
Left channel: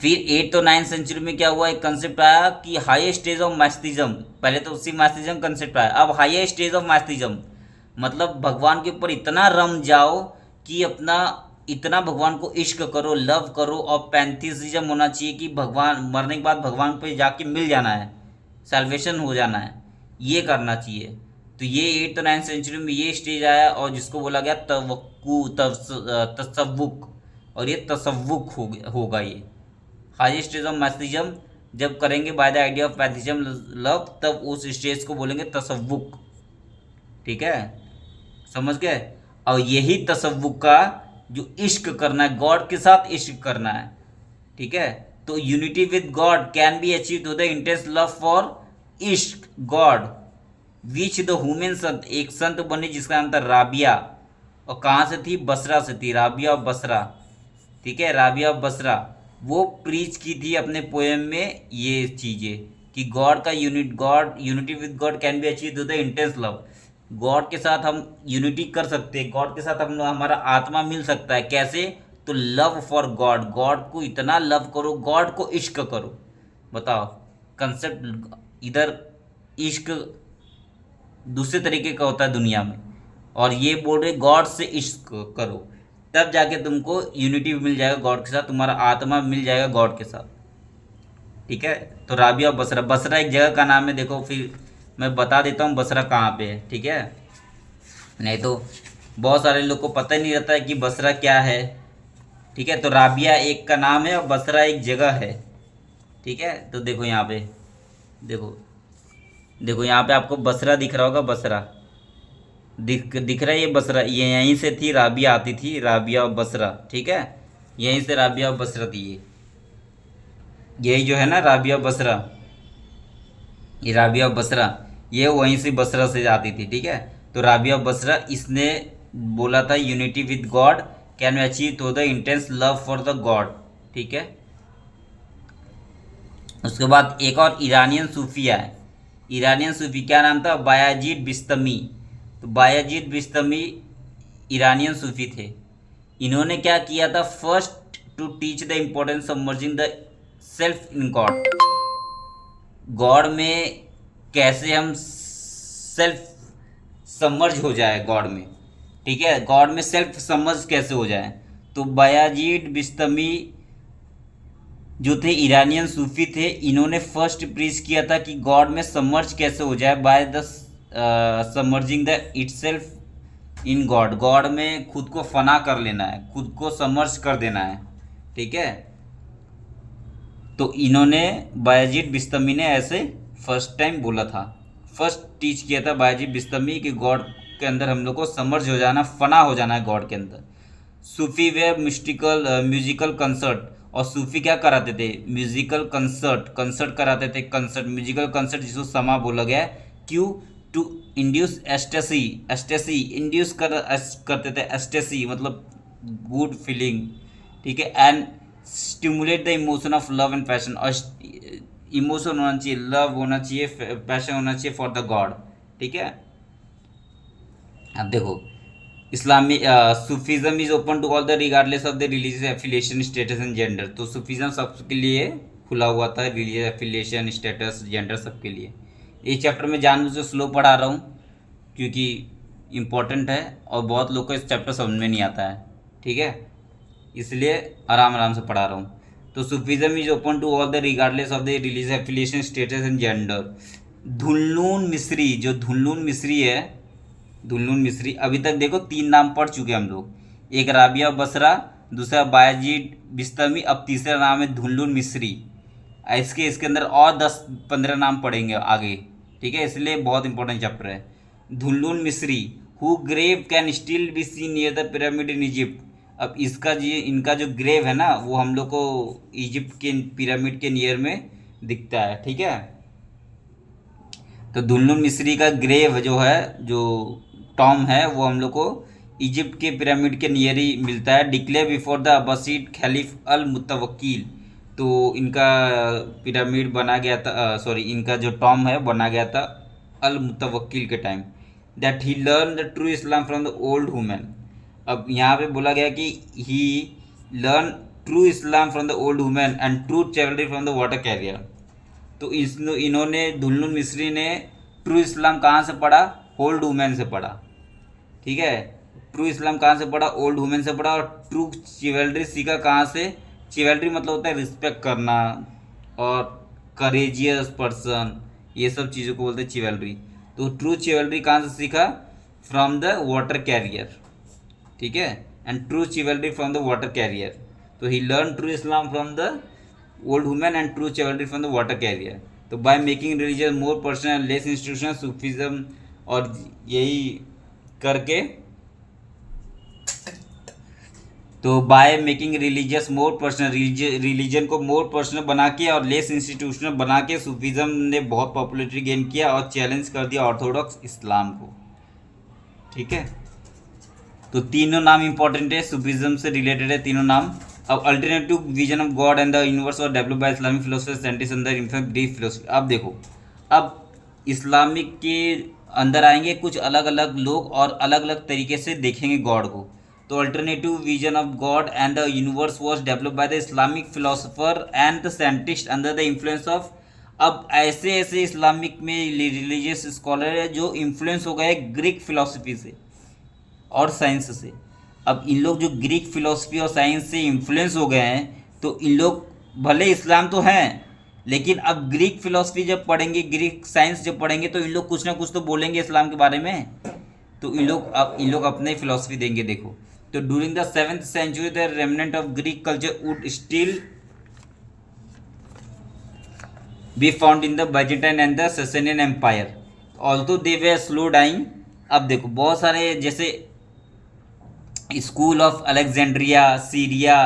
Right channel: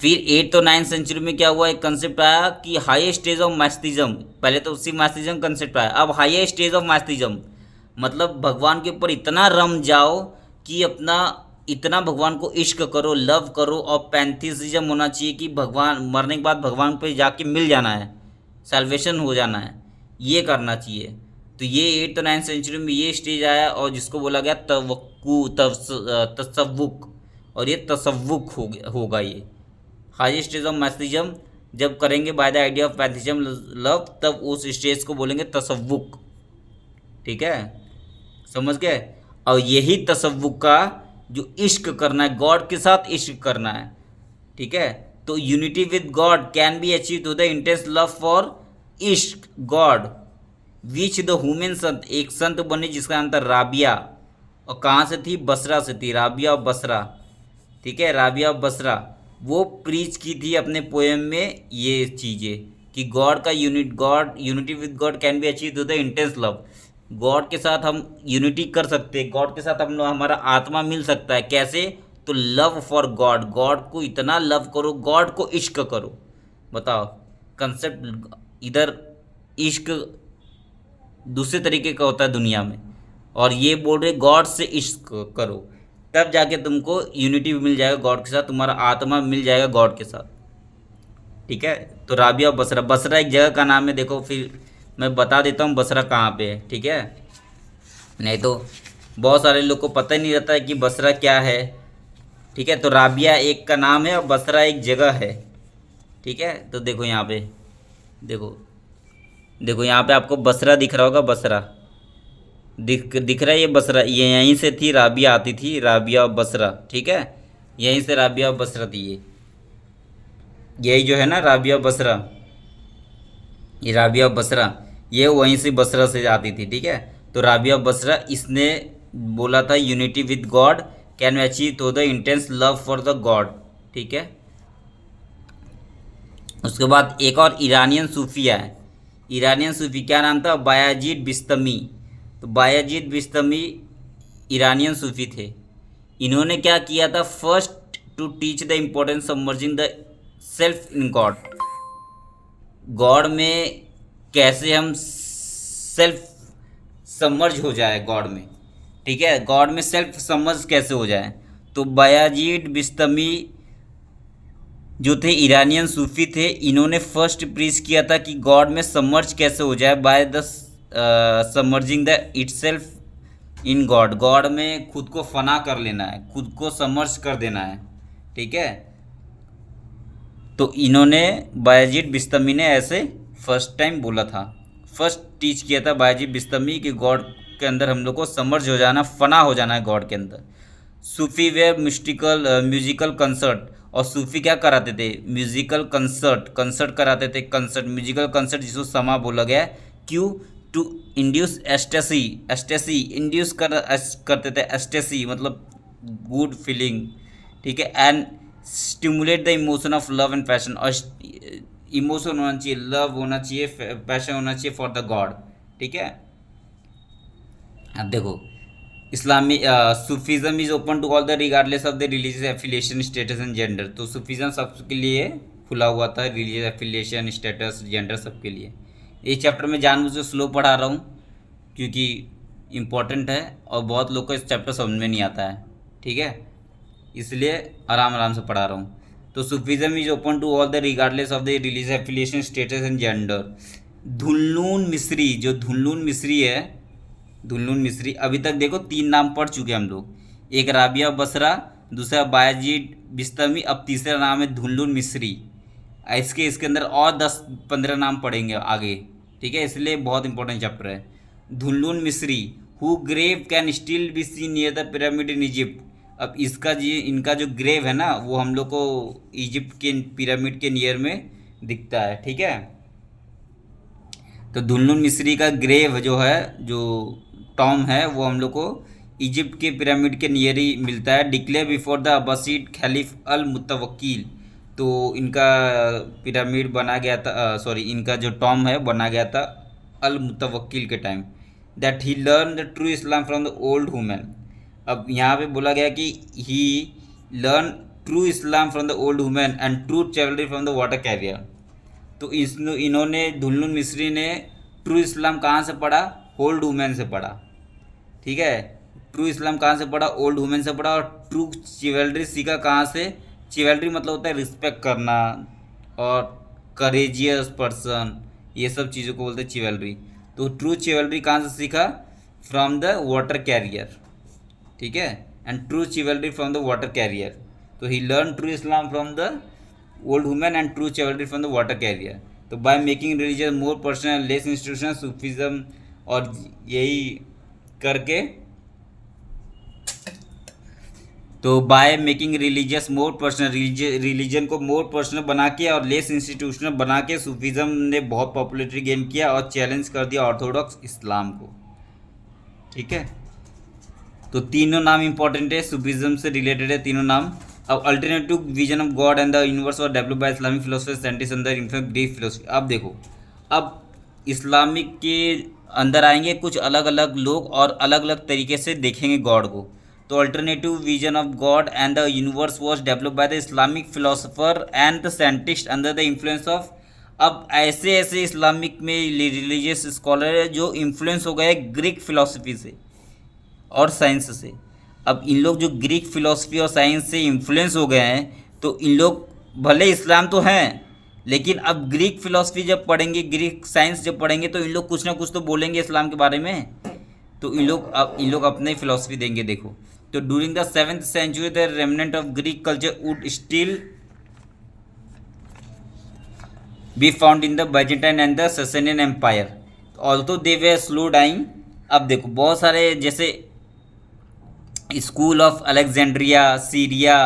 फिर 8th और 9th सेंचुरी में क्या हुआ, एक कंसेप्ट आया कि हाईएस्ट स्टेज ऑफ मैस्थिज्म। पहले तो उसी मैस्थिज्म कंसेप्ट आया, अब हाईएस्ट स्टेज ऑफ मैस्थिज्म मतलब भगवान के ऊपर इतना रम जाओ कि अपना इतना भगवान को इश्क करो, लव करो, और पैंथीसिज्म होना चाहिए कि भगवान मरने के बाद भगवान पे जाके मिल जाना है, साल्वेशन हो जाना है, ये करना चाहिए। तो ये 8th और 9th सेंचुरी में ये स्टेज आया, और जिसको बोला गया तसव्वुक, और ये तसव्वुक होगा ये हाईएस्ट स्टेज ऑफ मैस्थिज्म। जब करेंगे by the idea of pantheism love, तब उस स्टेज को बोलेंगे तसव्वुक। ठीक है, समझ गए। और यही तसव्वुक का जो इश्क करना है, गॉड के साथ इश्क करना है, ठीक है। तो unity with God can be achieve through the intense love for इश्क गॉड, विच द ह्यूमन संत, एक संत बनी जिसका नाम था राबिया, और कहाँ से थी, बसरा से थी, राबिया ऑफ बसरा। ठीक है, राबिया ऑफ बसरा, वो प्रीच की थी अपने पोएम में ये चीज़ें कि गॉड का unity with God can be achieve through the intense love. God के साथ हम यूनिटी कर सकते हैं, गॉड के साथ हम लोग हमारा आत्मा मिल सकता है, कैसे, तो लव फॉर गॉड, गॉड को इतना लव करो, गॉड को इश्क करो। बताओ, कंसेप्ट इधर इश्क दूसरे तरीके का होता है दुनिया में, और ये बोल रहे गॉड से इश्क करो, तब जाके तुमको यूनिटी मिल जाएगा गॉड के साथ, तुम्हारा आत्मा मिल जाएगा गॉड के साथ। ठीक है, तो राबिया बसरा, बसरा एक जगह का नाम है, देखो फिर मैं बता देता हूँ बसरा कहाँ पे है। ठीक है, नहीं तो बहुत सारे लोग को पता ही नहीं रहता है कि बसरा क्या है। ठीक है, तो राबिया एक का नाम है और बसरा एक जगह है। ठीक है, तो देखो यहाँ पे, देखो देखो यहाँ पे आपको बसरा दिख रहा होगा, बसरा दिख रहा है, ये बसरा, ये यहीं से थी राबिया, आती थी राबिया और बसरा। ठीक है, यहीं से राबिया और बसरा थी, ये यही जो है ना राबिया बसरा, ये राबिया बसरा, ये वहीं से बसरा से आती थी। ठीक है, तो राबिया बसरा, इसने बोला था unity with God can achieve through the intense love for the God. ठीक है, उसके बाद एक और ईरानियन सूफी है, ईरानियन सूफी क्या नाम था, बायाजीद बिस्तमी। तो बायाजीद बिस्तमी ईरानियन सूफी थे। इन्होंने क्या किया था, first to teach the importance of merging the self in God, God में कैसे हम सेल्फ सबमर्ज हो जाए गॉड में। ठीक है, गॉड में सेल्फ सबमर्ज कैसे हो जाए। तो बायाजीद बिस्तमी जो थे ईरानियन सूफी थे, इन्होंने फर्स्ट प्रीच किया था कि गॉड में सबमर्ज कैसे हो जाए, by the submerging the itself in God, God में खुद को फना कर लेना है, खुद को सबमर्ज कर देना है। ठीक है, तो इन्होंने बायाजीद बिस्तमी ने ऐसे फर्स्ट टाइम बोला था, फर्स्ट टीच किया था बायाजीद बिस्तमी कि गॉड के अंदर हम लोग को समर्ज हो जाना, फना हो जाना है गॉड के अंदर। सूफी वेयर म्यूजिकल कंसर्ट, और सूफी क्या कराते थे, म्यूजिकल कंसर्ट कराते थे, कंसर्ट म्यूजिकल कंसर्ट जिसको समा बोला गया है। क्यों, टू इंड्यूस एस्टेसी इंड्यूस करते थे, एस्टेसी मतलब गुड फीलिंग। ठीक है, and stimulate the emotion of love and passion, और इमोशन होना चाहिए, लव होना चाहिए, पैशन होना चाहिए फॉर द गॉड। ठीक है, अब देखो इस्लामी Sufism is open to all the regardless of the religious affiliation status and gender. तो सूफिज्म सबके लिए खुला हुआ था, रिलीजियस एफिलिएशन स्टेटस जेंडर सबके लिए। ये चैप्टर में जानबूझ के स्लो पढ़ा रहा हूँ क्योंकि इम्पोर्टेंट है और बहुत लोग को इस चैप्टर समझ में नहीं आता है। ठीक है, इसलिए आराम आराम से पढ़ा रहा हूँ। तो Sufism is open to all the regardless of the religious affiliation status and gender. Dhulnun Misri, जो धुल्लून मिस्री है, धुल्लून मिस्री, अभी तक देखो 3 नाम पढ़ चुके हम लोग, एक राबिया बसरा, दूसरा बायाजीद बिस्तमी, अब तीसरा नाम है धुल्लून मिस्री। इसके अंदर और 10-15 नाम पढ़ेंगे आगे। ठीक है, इसलिए बहुत इंपॉर्टेंट चैप्टर है। Dhulnun Misri, who grave can still be seen near the pyramid in Egypt. अब इनका जो ग्रेव है ना, वो हम लोग को इजिप्ट के पिरामिड के नियर में दिखता है। ठीक है, तो धुल्लून मिस्री का ग्रेव जो है, जो टॉम है, वो हम लोग को इजिप्ट के पिरामिड के नियर ही मिलता है। डिक्लेयर बिफोर द अब्बासीड खलीफ अल मुतवक्किल। तो इनका पिरामिड बना गया था, सॉरी, इनका जो टॉम है बना गया था अल मुतवक्किल के time, that he learn the true Islam from the old women. अब यहाँ पे बोला गया कि he learn true Islam from the old women and true chivalry from the water carrier. तो इन्होंने दुल्हन मिस्री ने ट्रू इस्लाम कहाँ से पढ़ा? ओल्ड वुमेन से पढ़ा। ठीक है, ट्रू इस्लाम कहाँ से पढ़ा? ओल्ड वुमेन से पढ़ा। और ट्रू चिवेलरी सीखा कहाँ से? चिवेलरी मतलब होता है रिस्पेक्ट करना और करेजियस पर्सन, ये सब चीज़ों को बोलते हैं चिवेलरी। तो ट्रू चिवेलरी कहाँ से सीखा? From the water carrier. ठीक है, and true chivalry from the water carrier. तो he learn true Islam from the old women and true chivalry from the water carrier. तो by making religion more personal less institutional Sufism, और यही करके, तो by making religious more personal, religion को more personal बना के और less institutional बना के सूफिज्म ने बहुत पॉपुलरिटी गेन किया और चैलेंज कर दिया ऑर्थोडॉक्स इस्लाम को। ठीक है, तो तीनों नाम इंपॉर्टेंट है, सूफिज्म से रिलेटेड है तीनों नाम। अब alternative vision of God and the universe और develop by Islamic philosopher scientist अंदर इनफैक्ट ग्रीक फिलोसफी। अब देखो, अब इस्लामिक के अंदर आएंगे कुछ अलग अलग लोग और अलग अलग तरीके से देखेंगे गॉड को। तो alternative vision of God and the universe was develop by the Islamic philosopher and the scientist under the influence of. अब ऐसे ऐसे इस्लामिक में रिलीजियस स्कॉलर है जो इन्फ्लुएंस हो गए ग्रीक फिलोसफी से और साइंस से। अब इन लोग जो ग्रीक फिलोसफी और साइंस से इन्फ्लुएंस हो गए हैं, तो इन लोग भले इस्लाम तो हैं, लेकिन अब ग्रीक फिलोसफी जब पढ़ेंगे, ग्रीक साइंस जब पढ़ेंगे, तो इन लोग कुछ ना कुछ तो बोलेंगे इस्लाम के बारे में। तो इन लोग अपने फिलोसफी देंगे। देखो, तो during the 7th century the remnant of Greek culture would still be found in the Byzantine and the Sasanian empire although they were slow dying. अब देखो, बहुत सारे जैसे school of Alexandria, Syria,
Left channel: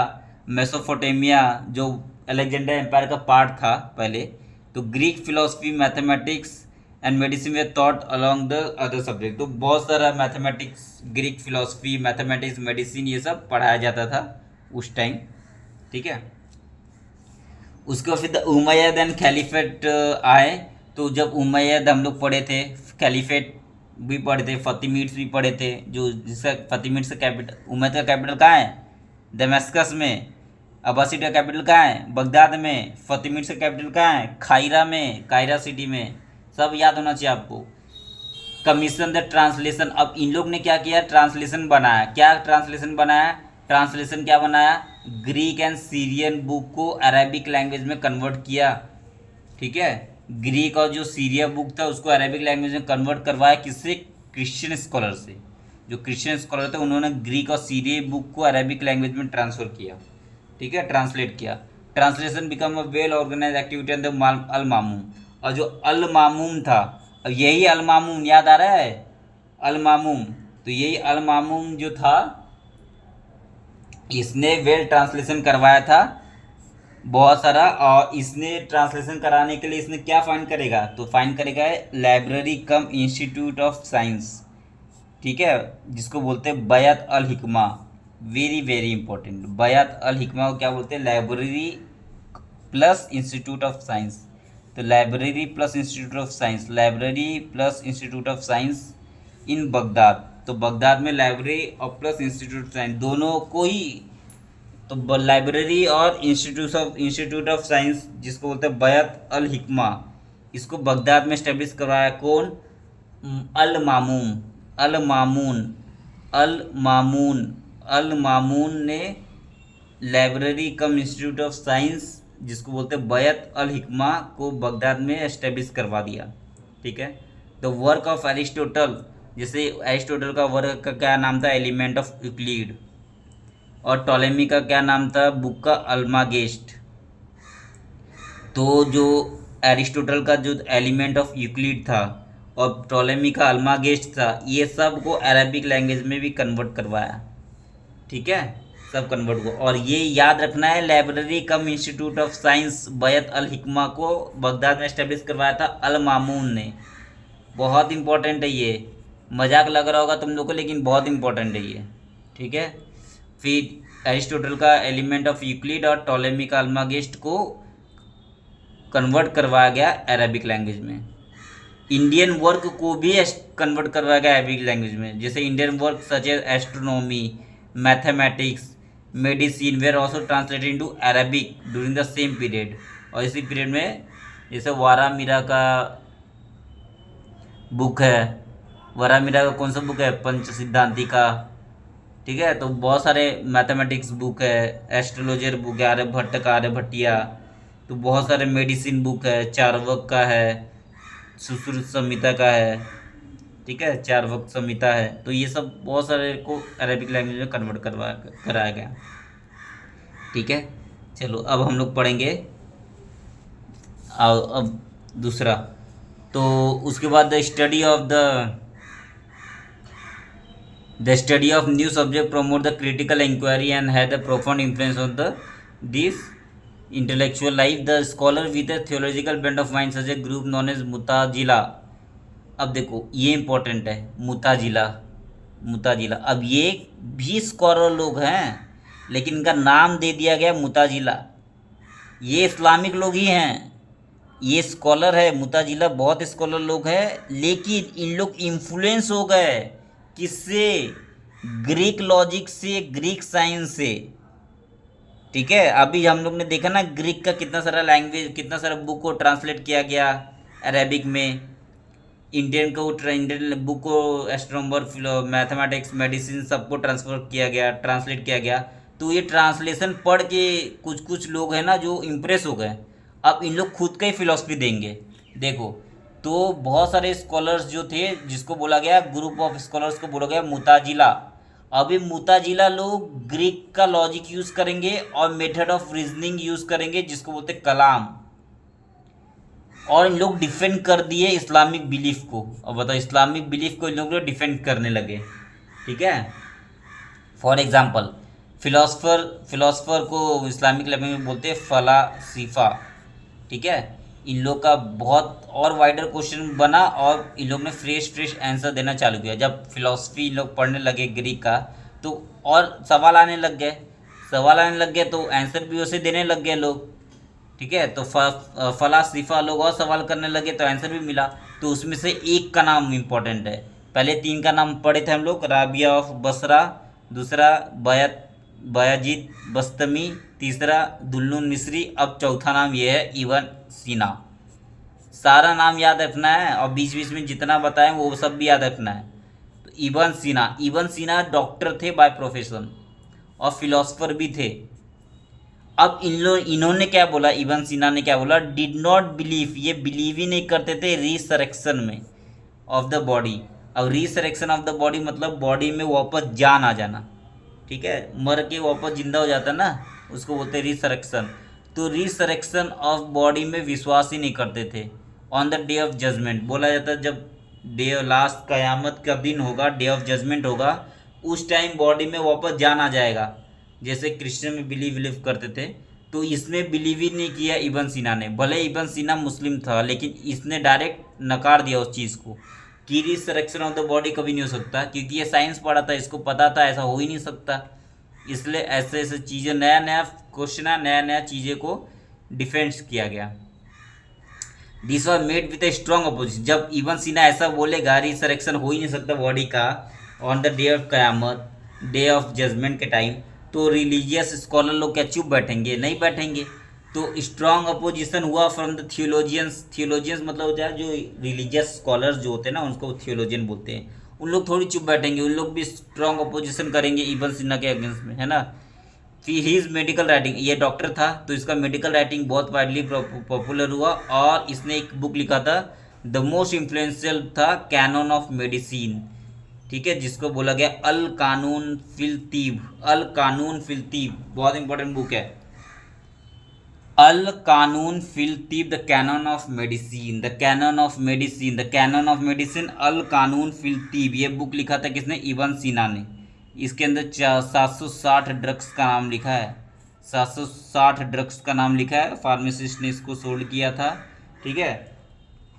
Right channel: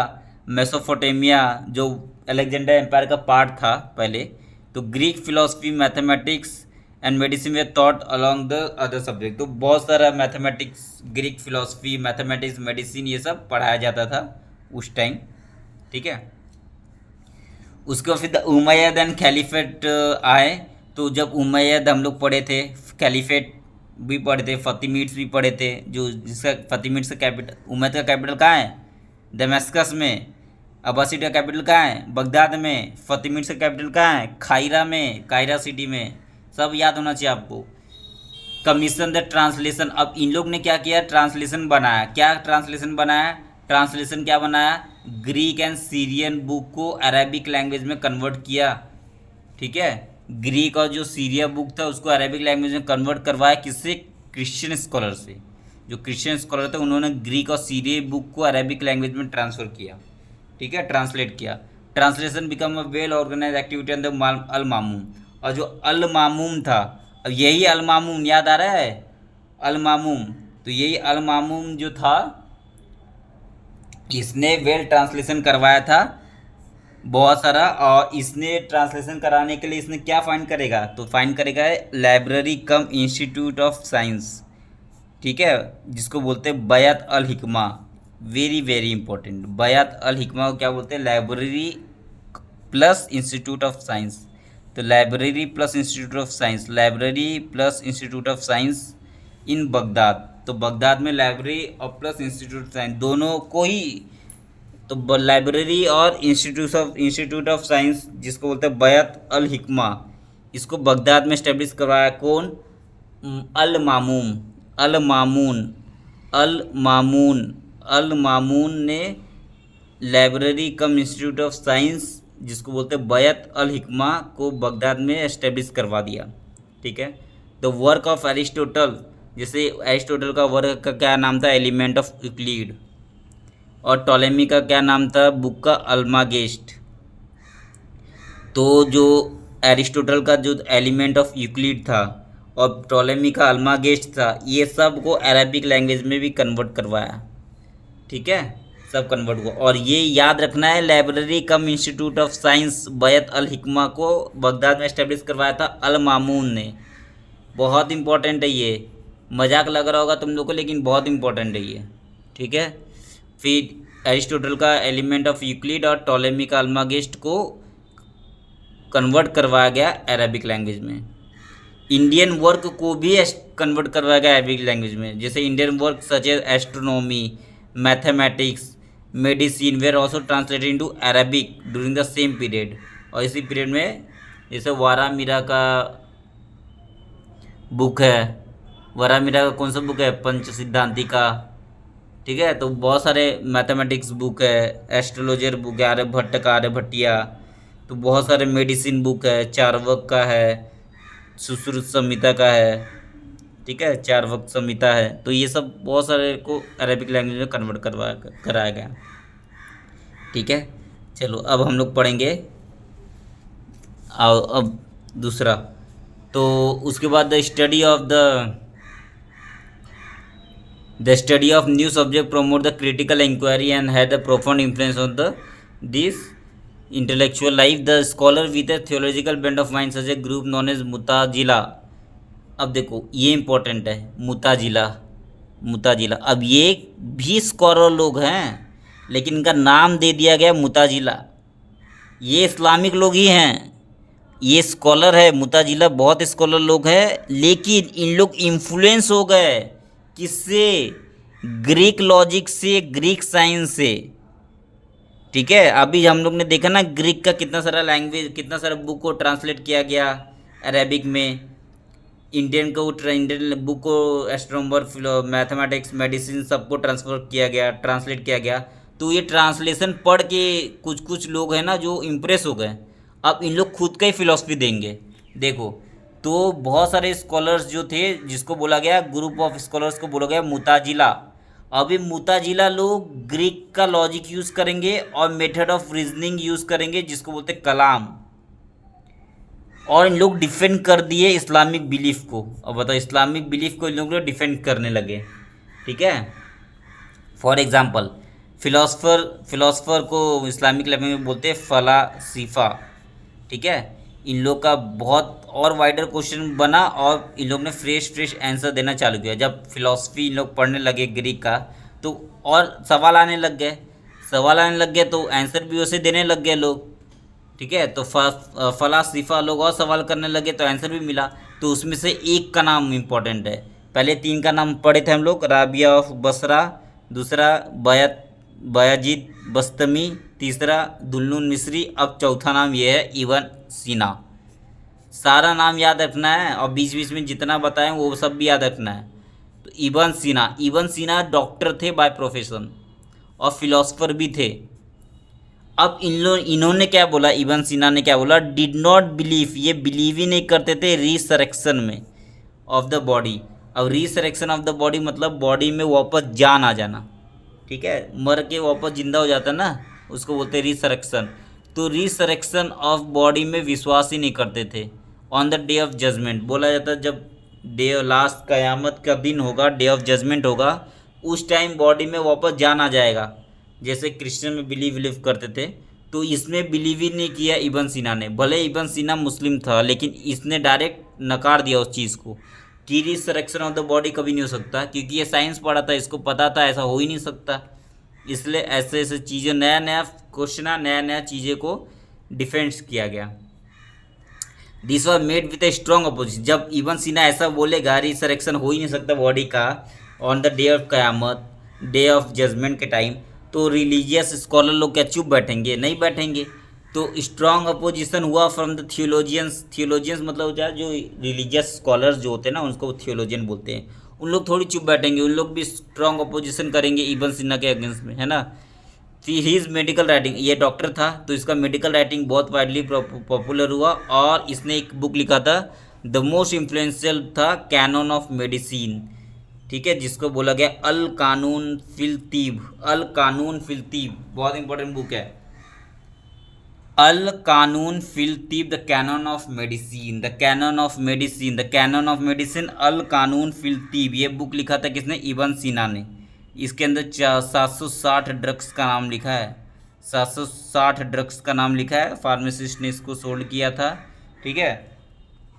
Mesopotamia, जो Alexander empire का part था पहले, तो Greek philosophy, mathematics and medicine were taught along the other subject. तो बहुत सारा mathematics, Greek philosophy, mathematics, medicine, ये सब पढ़ाया जाता था उस टाइम। ठीक है, उसके बाद फिर द उमैयद एंड खलीफेट आए। तो जब उमैयद हम लोग पढ़े थे, खलीफेट भी पढ़े थे, फतिमिड्स भी पढ़े थे, जो जिसका फतिमिड्स का कैपिटल, उमैयद का कैपिटल कहाँ है? दमेस्कस में। अब्बासिड का कैपिटल कहाँ है? बगदाद में। फतिमिड्स का कैपिटल कहाँ है? कायरा में, कायरा सिटी में। सब याद होना चाहिए आपको। Commission the translation. अब इन लोग ने क्या किया? ट्रांसलेशन बनाया। क्या ट्रांसलेशन बनाया? ट्रांसलेशन क्या बनाया? ग्रीक एंड सीरियन बुक को अरेबिक लैंग्वेज में कन्वर्ट किया। ठीक है, ग्रीक और जो सीरिया बुक था उसको अरेबिक लैंग्वेज में कन्वर्ट करवाया। किससे? क्रिश्चियन स्कॉलर से। जो क्रिश्चियन स्कॉलर थे उन्होंने ग्रीक और सीरिया बुक को अरेबिक लैंग्वेज में ट्रांसफ़र किया। ठीक है, ट्रांसलेट किया। Translation become a well organise activity and the al Mamun. और जो अल मामूम था, अब यही अल मामूम याद आ रहा है? अल मामूम, तो यही अल मामूम जो था, इसने वेल ट्रांसलेशन करवाया था बहुत सारा। और इसने ट्रांसलेशन कराने के लिए इसने क्या फाइंड करेगा? तो फाइंड करेगा library cum institute of science. ठीक है, जिसको बोलते हैं Bayt al Hikma. Very very important, Bayt al Hikma को क्या बोलते हैं? Library plus institute of science. तो library plus institute of science, library plus institute of science in Baghdad. तो बगदाद में लाइब्रेरी और प्लस इंस्टीट्यूट ऑफ साइंस दोनों को ही, तो लाइब्रेरी और इंस्टीट्यूट ऑफ साइंस जिसको बोलते हैं बयात अल हिकमा, इसको बगदाद में इस्टेब्लिश करवाया। कौन? अल मामून। अल मामून अल मामून अल मामून ने library cum institute of science जिसको बोलते हैं बयात अल हिकमा को बगदाद में इस्टेब्लिश करवा दिया। ठीक है, द वर्क ऑफ एरिस्टोटल, जैसे एरिस्टोटल का वर्क का क्या नाम था? Element of Euclid. और टॉलेमी का क्या नाम था? बुक का अल्मागेस्ट। तो जो एरिस्टोटल का जो एलिमेंट ऑफ यूक्लिड था और टॉलेमी का अल्मागेस्ट था, ये सब को अरेबिक लैंग्वेज में भी कन्वर्ट करवाया। ठीक है, सब कन्वर्ट हुआ। और ये याद रखना है, library cum institute of science Bayt al Hikma को बगदाद में इस्टेब्लिश करवाया था अल मामून ने। बहुत इंपॉर्टेंट है ये, मजाक लग रहा होगा तुम लोग को, लेकिन बहुत इंपॉर्टेंट है ये। ठीक है, फिर एरिस्टोटल का एलिमेंट ऑफ यूक्लिड और टॉलेमी का अल्मागेस्ट को कन्वर्ट करवाया गया अरेबिक लैंग्वेज में। इंडियन वर्क को भी कन्वर्ट करवाया गया अरबिक लैंग्वेज में, जैसे Indian work such as astronomy, mathematics, medicine were also translated into Arabic during the same period. और इसी पीरियड में जैसे वारा मीरा का बुक है, वारा मीरा का कौन सा बुक है, पंच सिद्धांति का, ठीक है। तो बहुत सारे मैथमेटिक्स बुक है, एस्ट्रोलॉजर बुक है आर्यभट्ट का, आर्यभट्टिया। तो बहुत सारे मेडिसिन बुक है, चार्वक का है, सुश्रुत संहिता का है, ठीक है, चार्वक संहिता है। तो ये सब बहुत सारे को अरेबिक लैंग्वेज में कन्वर्ट कराया गया, ठीक है। चलो अब हम लोग पढ़ेंगे अब दूसरा। तो उसके बाद the study of new subject promote the critical inquiry and had a profound influence on the this intellectual life. The scholar with a theological bent of mind such a group known as मुताजिला। अब देखो ये important है, मुताजिला, मुताजिला। अब ये भी scholar लोग हैं, लेकिन इनका नाम दे दिया गया मुताजिला। ये इस्लामिक लोग ही हैं, ये स्कॉलर है मुताजिला, बहुत स्कॉलर लोग हैं, लेकिन इन लोग इन्फ्लुएंस हो गए किससे, ग्रीक लॉजिक से, ग्रीक साइंस से, ठीक है। अभी हम लोग ने देखा ना ग्रीक का कितना सारा लैंग्वेज, कितना सारा बुक को ट्रांसलेट किया गया अरेबिक में, इंडियन को इंडियन बुक को एस्ट्रोनॉमर, मैथमेटिक्स, मेडिसिन सबको ट्रांसलेट किया गया। तो ये ट्रांसलेशन पढ़ के कुछ कुछ लोग हैं ना जो इम्प्रेस हो गए, अब इन लोग खुद का ही फिलॉसफी देंगे। देखो तो बहुत सारे स्कॉलर्स जो थे, जिसको बोला गया ग्रुप ऑफ स्कॉलर्स को बोला गया मुताजिला। अभी मुताजिला लोग ग्रीक का लॉजिक यूज़ करेंगे और मेथड ऑफ रीजनिंग यूज़ करेंगे, जिसको बोलते कलाम। और इन लोग डिफेंड कर दिए इस्लामिक बिलीफ को। अब बताओ, इस्लामिक बिलीफ को इन लोग डिफेंड करने लगे, ठीक है। फॉर एग्जाम्पल फिलोसफर को इस्लामिक लैंग्वेज में बोलते हैं फलासिफा, ठीक है। इन लोग का बहुत और वाइडर क्वेश्चन बना और इन लोग ने फ्रेश आंसर देना चालू किया। जब फिलॉसफी इन लोग पढ़ने लगे ग्रीक का, तो और सवाल आने लग गए, तो आंसर भी वैसे देने लग गए लोग, ठीक है। तो फलासिफा लोग और सवाल करने लगे तो आंसर भी मिला। तो उसमें से एक का नाम इम्पोर्टेंट है, पहले तीन का नाम पढ़े थे हम लोग, राबिया ऑफ बसरा, दूसरा बयाजीद बस्तमी, तीसरा दुल्नुन मिस्री, अब चौथा नाम ये है इब्न सीना। सारा नाम याद रखना है और बीच बीच में जितना बताएं वो सब भी याद रखना है। तो इब्न सीना डॉक्टर थे बाय प्रोफेशन और फिलोसफर भी थे। अब इन्होंने क्या बोला, इब्न सीना ने क्या बोला, डिड नॉट बिलीव, ये बिलीव ही नहीं करते थे रिसरेक्शन में ऑफ द बॉडी। अब रिसरेक्शन ऑफ द बॉडी मतलब बॉडी में वापस जान आ जाना, ठीक है, मर के वापस जिंदा हो जाता ना, उसको बोलते हैं रिसरेक्शन। तो रिसरेक्शन ऑफ बॉडी में विश्वास ही नहीं करते थे। On the day of judgement बोला जाता है, जब डे लास्ट क़यामत का दिन होगा, डे ऑफ जजमेंट होगा, उस टाइम बॉडी में वापस जान आ जाएगा, जैसे क्रिश्चियन में बिलीव करते थे। तो इसमें बिलीव ही नहीं किया इब्न सीना ने। भले इब्न सीना मुस्लिम था, लेकिन इसने डायरेक्ट नकार दिया उस चीज़ को कि रिसरेक्शन ऑफ द बॉडी कभी नहीं हो सकता, क्योंकि ये साइंस पढ़ा था, इसको पता था ऐसा हो ही नहीं सकता। इसलिए ऐसे ऐसे चीज़ें, नया नया क्वेश्चन, नया नया चीज़ें को डिफेंस किया गया। This was made with a strong opposition. जब इब्न सीना ऐसा बोलेगा रिसरेक्शन हो ही नहीं सकता बॉडी का ऑन द डे ऑफ क़यामत, डे ऑफ जजमेंट के टाइम, तो रिलीजियस स्कॉलर लोग क्या चुप बैठेंगे? नहीं बैठेंगे। तो स्ट्रॉन्ग अपोजिशन हुआ फ्रॉम द थियोलॉजियंस मतलब होता है जो रिलीजियस स्कॉलर्स जो होते हैं ना, उनको थियोलॉजियन बोलते हैं। उन लोग थोड़ी चुप बैठेंगे, उन लोग भी स्ट्रॉन्ग अपोजिशन करेंगे इब्न सीना के अगेंस्ट में, है ना। फिर हीज मेडिकल राइटिंग, ये डॉक्टर था तो इसका मेडिकल राइटिंग बहुत वाइडली पॉपुलर हुआ, और इसने एक बुक लिखा था, द मोस्ट इन्फ्लुएंशियल था कैनन ऑफ मेडिसिन, ठीक है, जिसको बोला गया अल कानून फिल तीब। अल कानून फिल तीब बहुत इंपॉर्टेंट बुक है। Al Qanun fil Tibb, the canon of medicine, the canon of medicine, the canon of medicine, al Qanun fil तीब। ये book लिखा था किसने? इब्न सीना ने। इसके अंदर 760 ड्रग्स का नाम लिखा है, 760 ड्रग्स का नाम लिखा है। फार्मासिस्ट ने इसको सोल्ड किया था, ठीक है।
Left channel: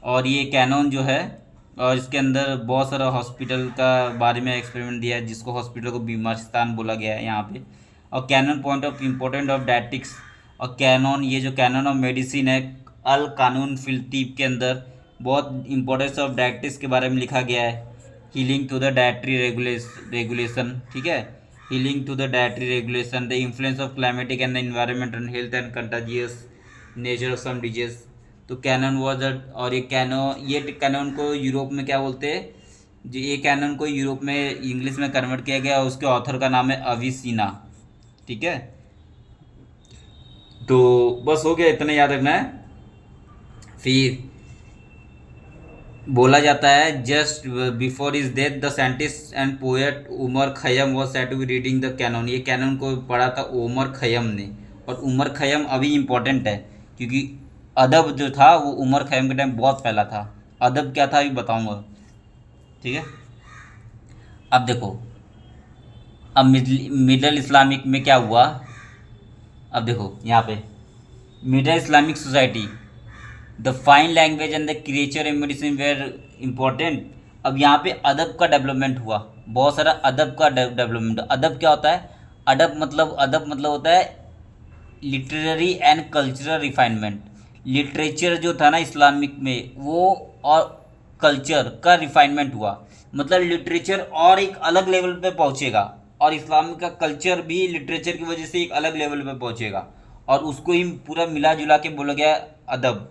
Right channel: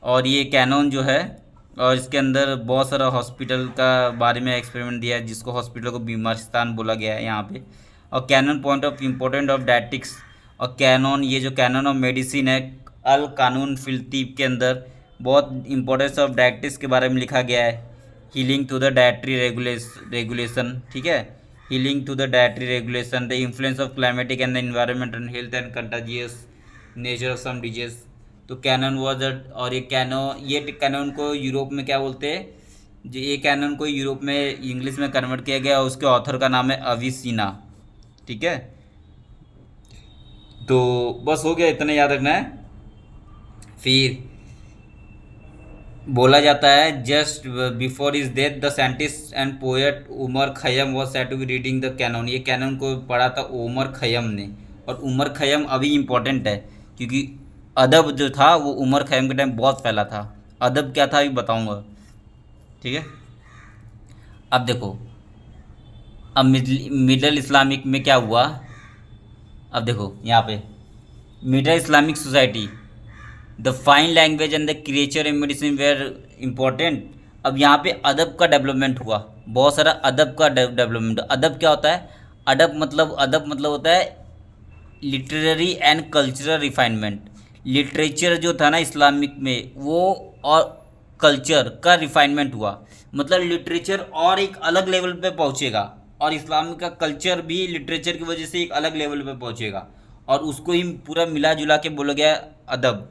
और ये कैनन जो है, और इसके अंदर बहुत सारा हॉस्पिटल का बारे में एक्सपेरिमेंट दिया है, जिसको हॉस्पिटल को बीमारिस्तान बोला गया है यहाँ पे। और canon point of important of dietetics, और कैनन, ये जो कैनन ऑफ मेडिसिन है अल कानून फिल तीब के अंदर बहुत इंपॉर्टेंस ऑफ डायटिक्स के बारे में लिखा गया है। Healing to the dietary regulation, ठीक है, healing to the dietary regulation, the influence of climatic and the environment and health and contagious nature of some disease. तो कैनन वॉज और ये कैनन को यूरोप में क्या बोलते हैं, जो ये कैनन को यूरोप में इंग्लिश में कन्वर्ट किया गया, उसके ऑथर का नाम है अविसीना, ठीक है। तो बस हो गया, इतना याद रखना है। फिर बोला जाता है just before is death the scientist and poet Omar Khayyam was said to be reading the canon. ये कैनन को पढ़ा था उमर खय्यम ने, और उमर खय्यम अभी इम्पोर्टेंट है क्योंकि अदब जो था वो उमर खय्यम के टाइम बहुत फैला था। अदब क्या था अभी बताऊंगा, ठीक है। अब देखो, अब मिडल इस्लामिक में क्या हुआ, अब देखो यहाँ पे middle Islamic society, the fine language and the creature and medicine were important. अब यहाँ पे अदब का डेवलपमेंट हुआ, बहुत सारा अदब का डेवलपमेंट। अदब क्या होता है, अदब मतलब होता है literary and cultural refinement. Literature जो था ना इस्लामिक में वो और कल्चर का रिफाइनमेंट हुआ, मतलब लिटरेचर और एक अलग लेवल पे पहुँचेगा, और इस्लामिक का कल्चर भी लिटरेचर की वजह से एक अलग लेवल पे पहुँचेगा, और उसको ही पूरा मिला जुला के बोला गया अदब,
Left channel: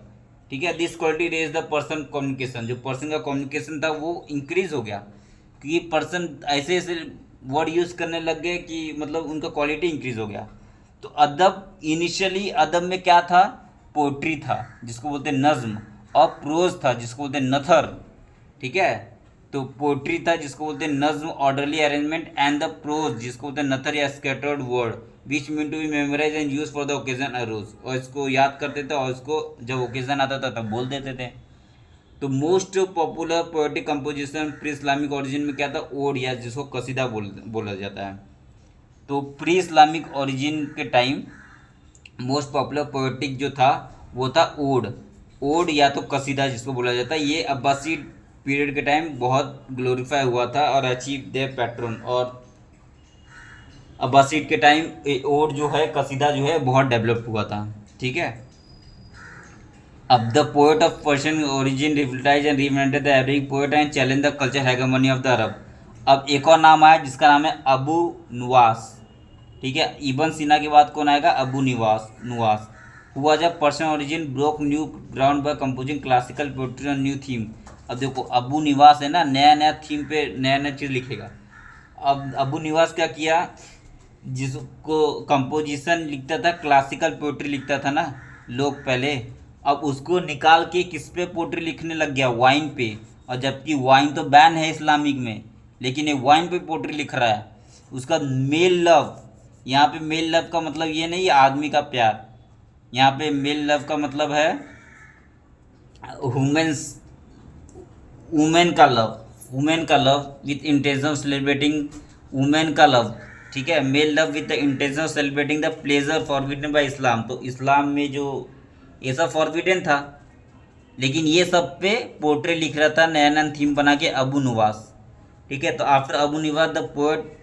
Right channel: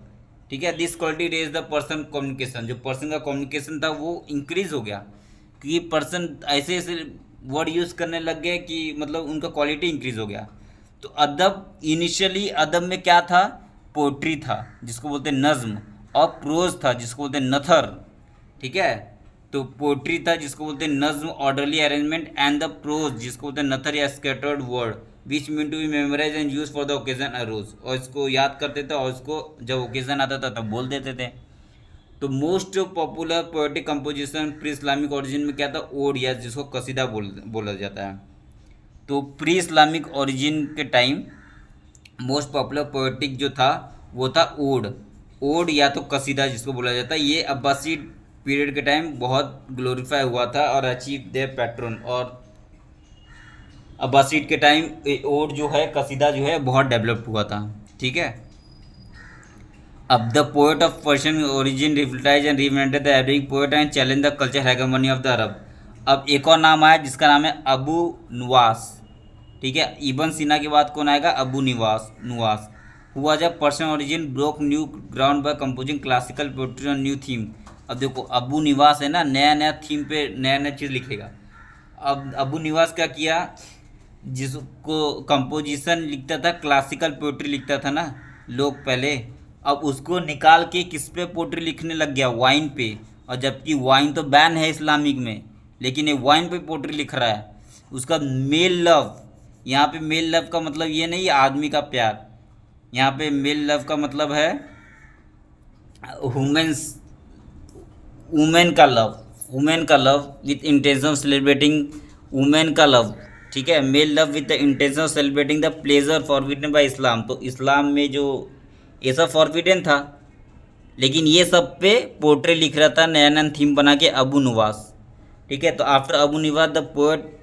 ठीक है। This quality raise the person communication, जो पर्सन का कम्युनिकेशन था वो इंक्रीज हो गया, क्योंकि पर्सन ऐसे ऐसे वर्ड यूज़ करने लग गए कि मतलब उनका क्वालिटी इंक्रीज हो गया। तो अदब इनिशियली अदब में क्या था, पोट्री था जिसको बोलते हैं नज्म, और प्रोज था जिसको बोलते हैं नथर, ठीक है। तो पोट्री था जिसको बोलते हैं नज्म orderly arrangement, and the prose जिसको बोलते हैं नथर या scattered word which mean to be memorise and use for the occasion arose, और इसको याद करते थे और इसको जब ओकेजन आता था तब बोल देते थे। तो most popular poetic composition pre Islamic origin में क्या था, ओड, या जिसको कसीदा बोला जाता है। तो प्री इस्लामिक ओरिजिन के टाइम मोस्ट पॉपुलर पोएटिक जो था वो था ओड या तो कसीदा जिसको बोला जाता है। ये अब्बासीड पीरियड के टाइम बहुत ग्लोरीफाई हुआ था और अचीव देयर पैट्रन, और अब्बासीड के टाइम ओड जो है कसीदा जो है बहुत डेवलप्ड हुआ था, ठीक है। अब the poet of Persian origin revitalise and reinvented the Arabic poet and challenge the culture hegemony of the Arab. अब एक और नाम आया जिसका नाम है अबू नुवास, ठीक है। इबन सीना के बाद कौन आएगा, अबू नुवास हुआ जब Persian origin broke new ground by composing classical poetry on new theme. अब देखो अबू निवास है ना, नया नया थीम पे नया नया चीज़ लिखेगा। अब अबू निवास क्या किया, जिसको कंपोजिशन लिखता था, क्लासिकल पोएट्री लिखता था ना लोग पहले, अब उसको निकाल के किस पे पोएट्री लिखने लग गया, वाइन पे। और जबकि वाइन तो बैन है इस्लामिक में, लेकिन ये वाइन पे पोएट्री लिख रहा है। उसका मेल लव, यहाँ पे मेल लव का मतलब ये नहीं आदमी का प्यार, यहाँ पे मेल लव का मतलब है वुमेन्स, वुमेन का love with intention of celebrating women का लव, ठीक है। Male love with the intention of celebrating the pleasure forbidden by Islam. तो इस्लाम में जो ये सब फॉरबिडन था, लेकिन ये सब पे पोर्ट्रे लिख रहा था नया नया थीम बना के अबू निवास, ठीक है। तो आफ्टर अबू निवास the poet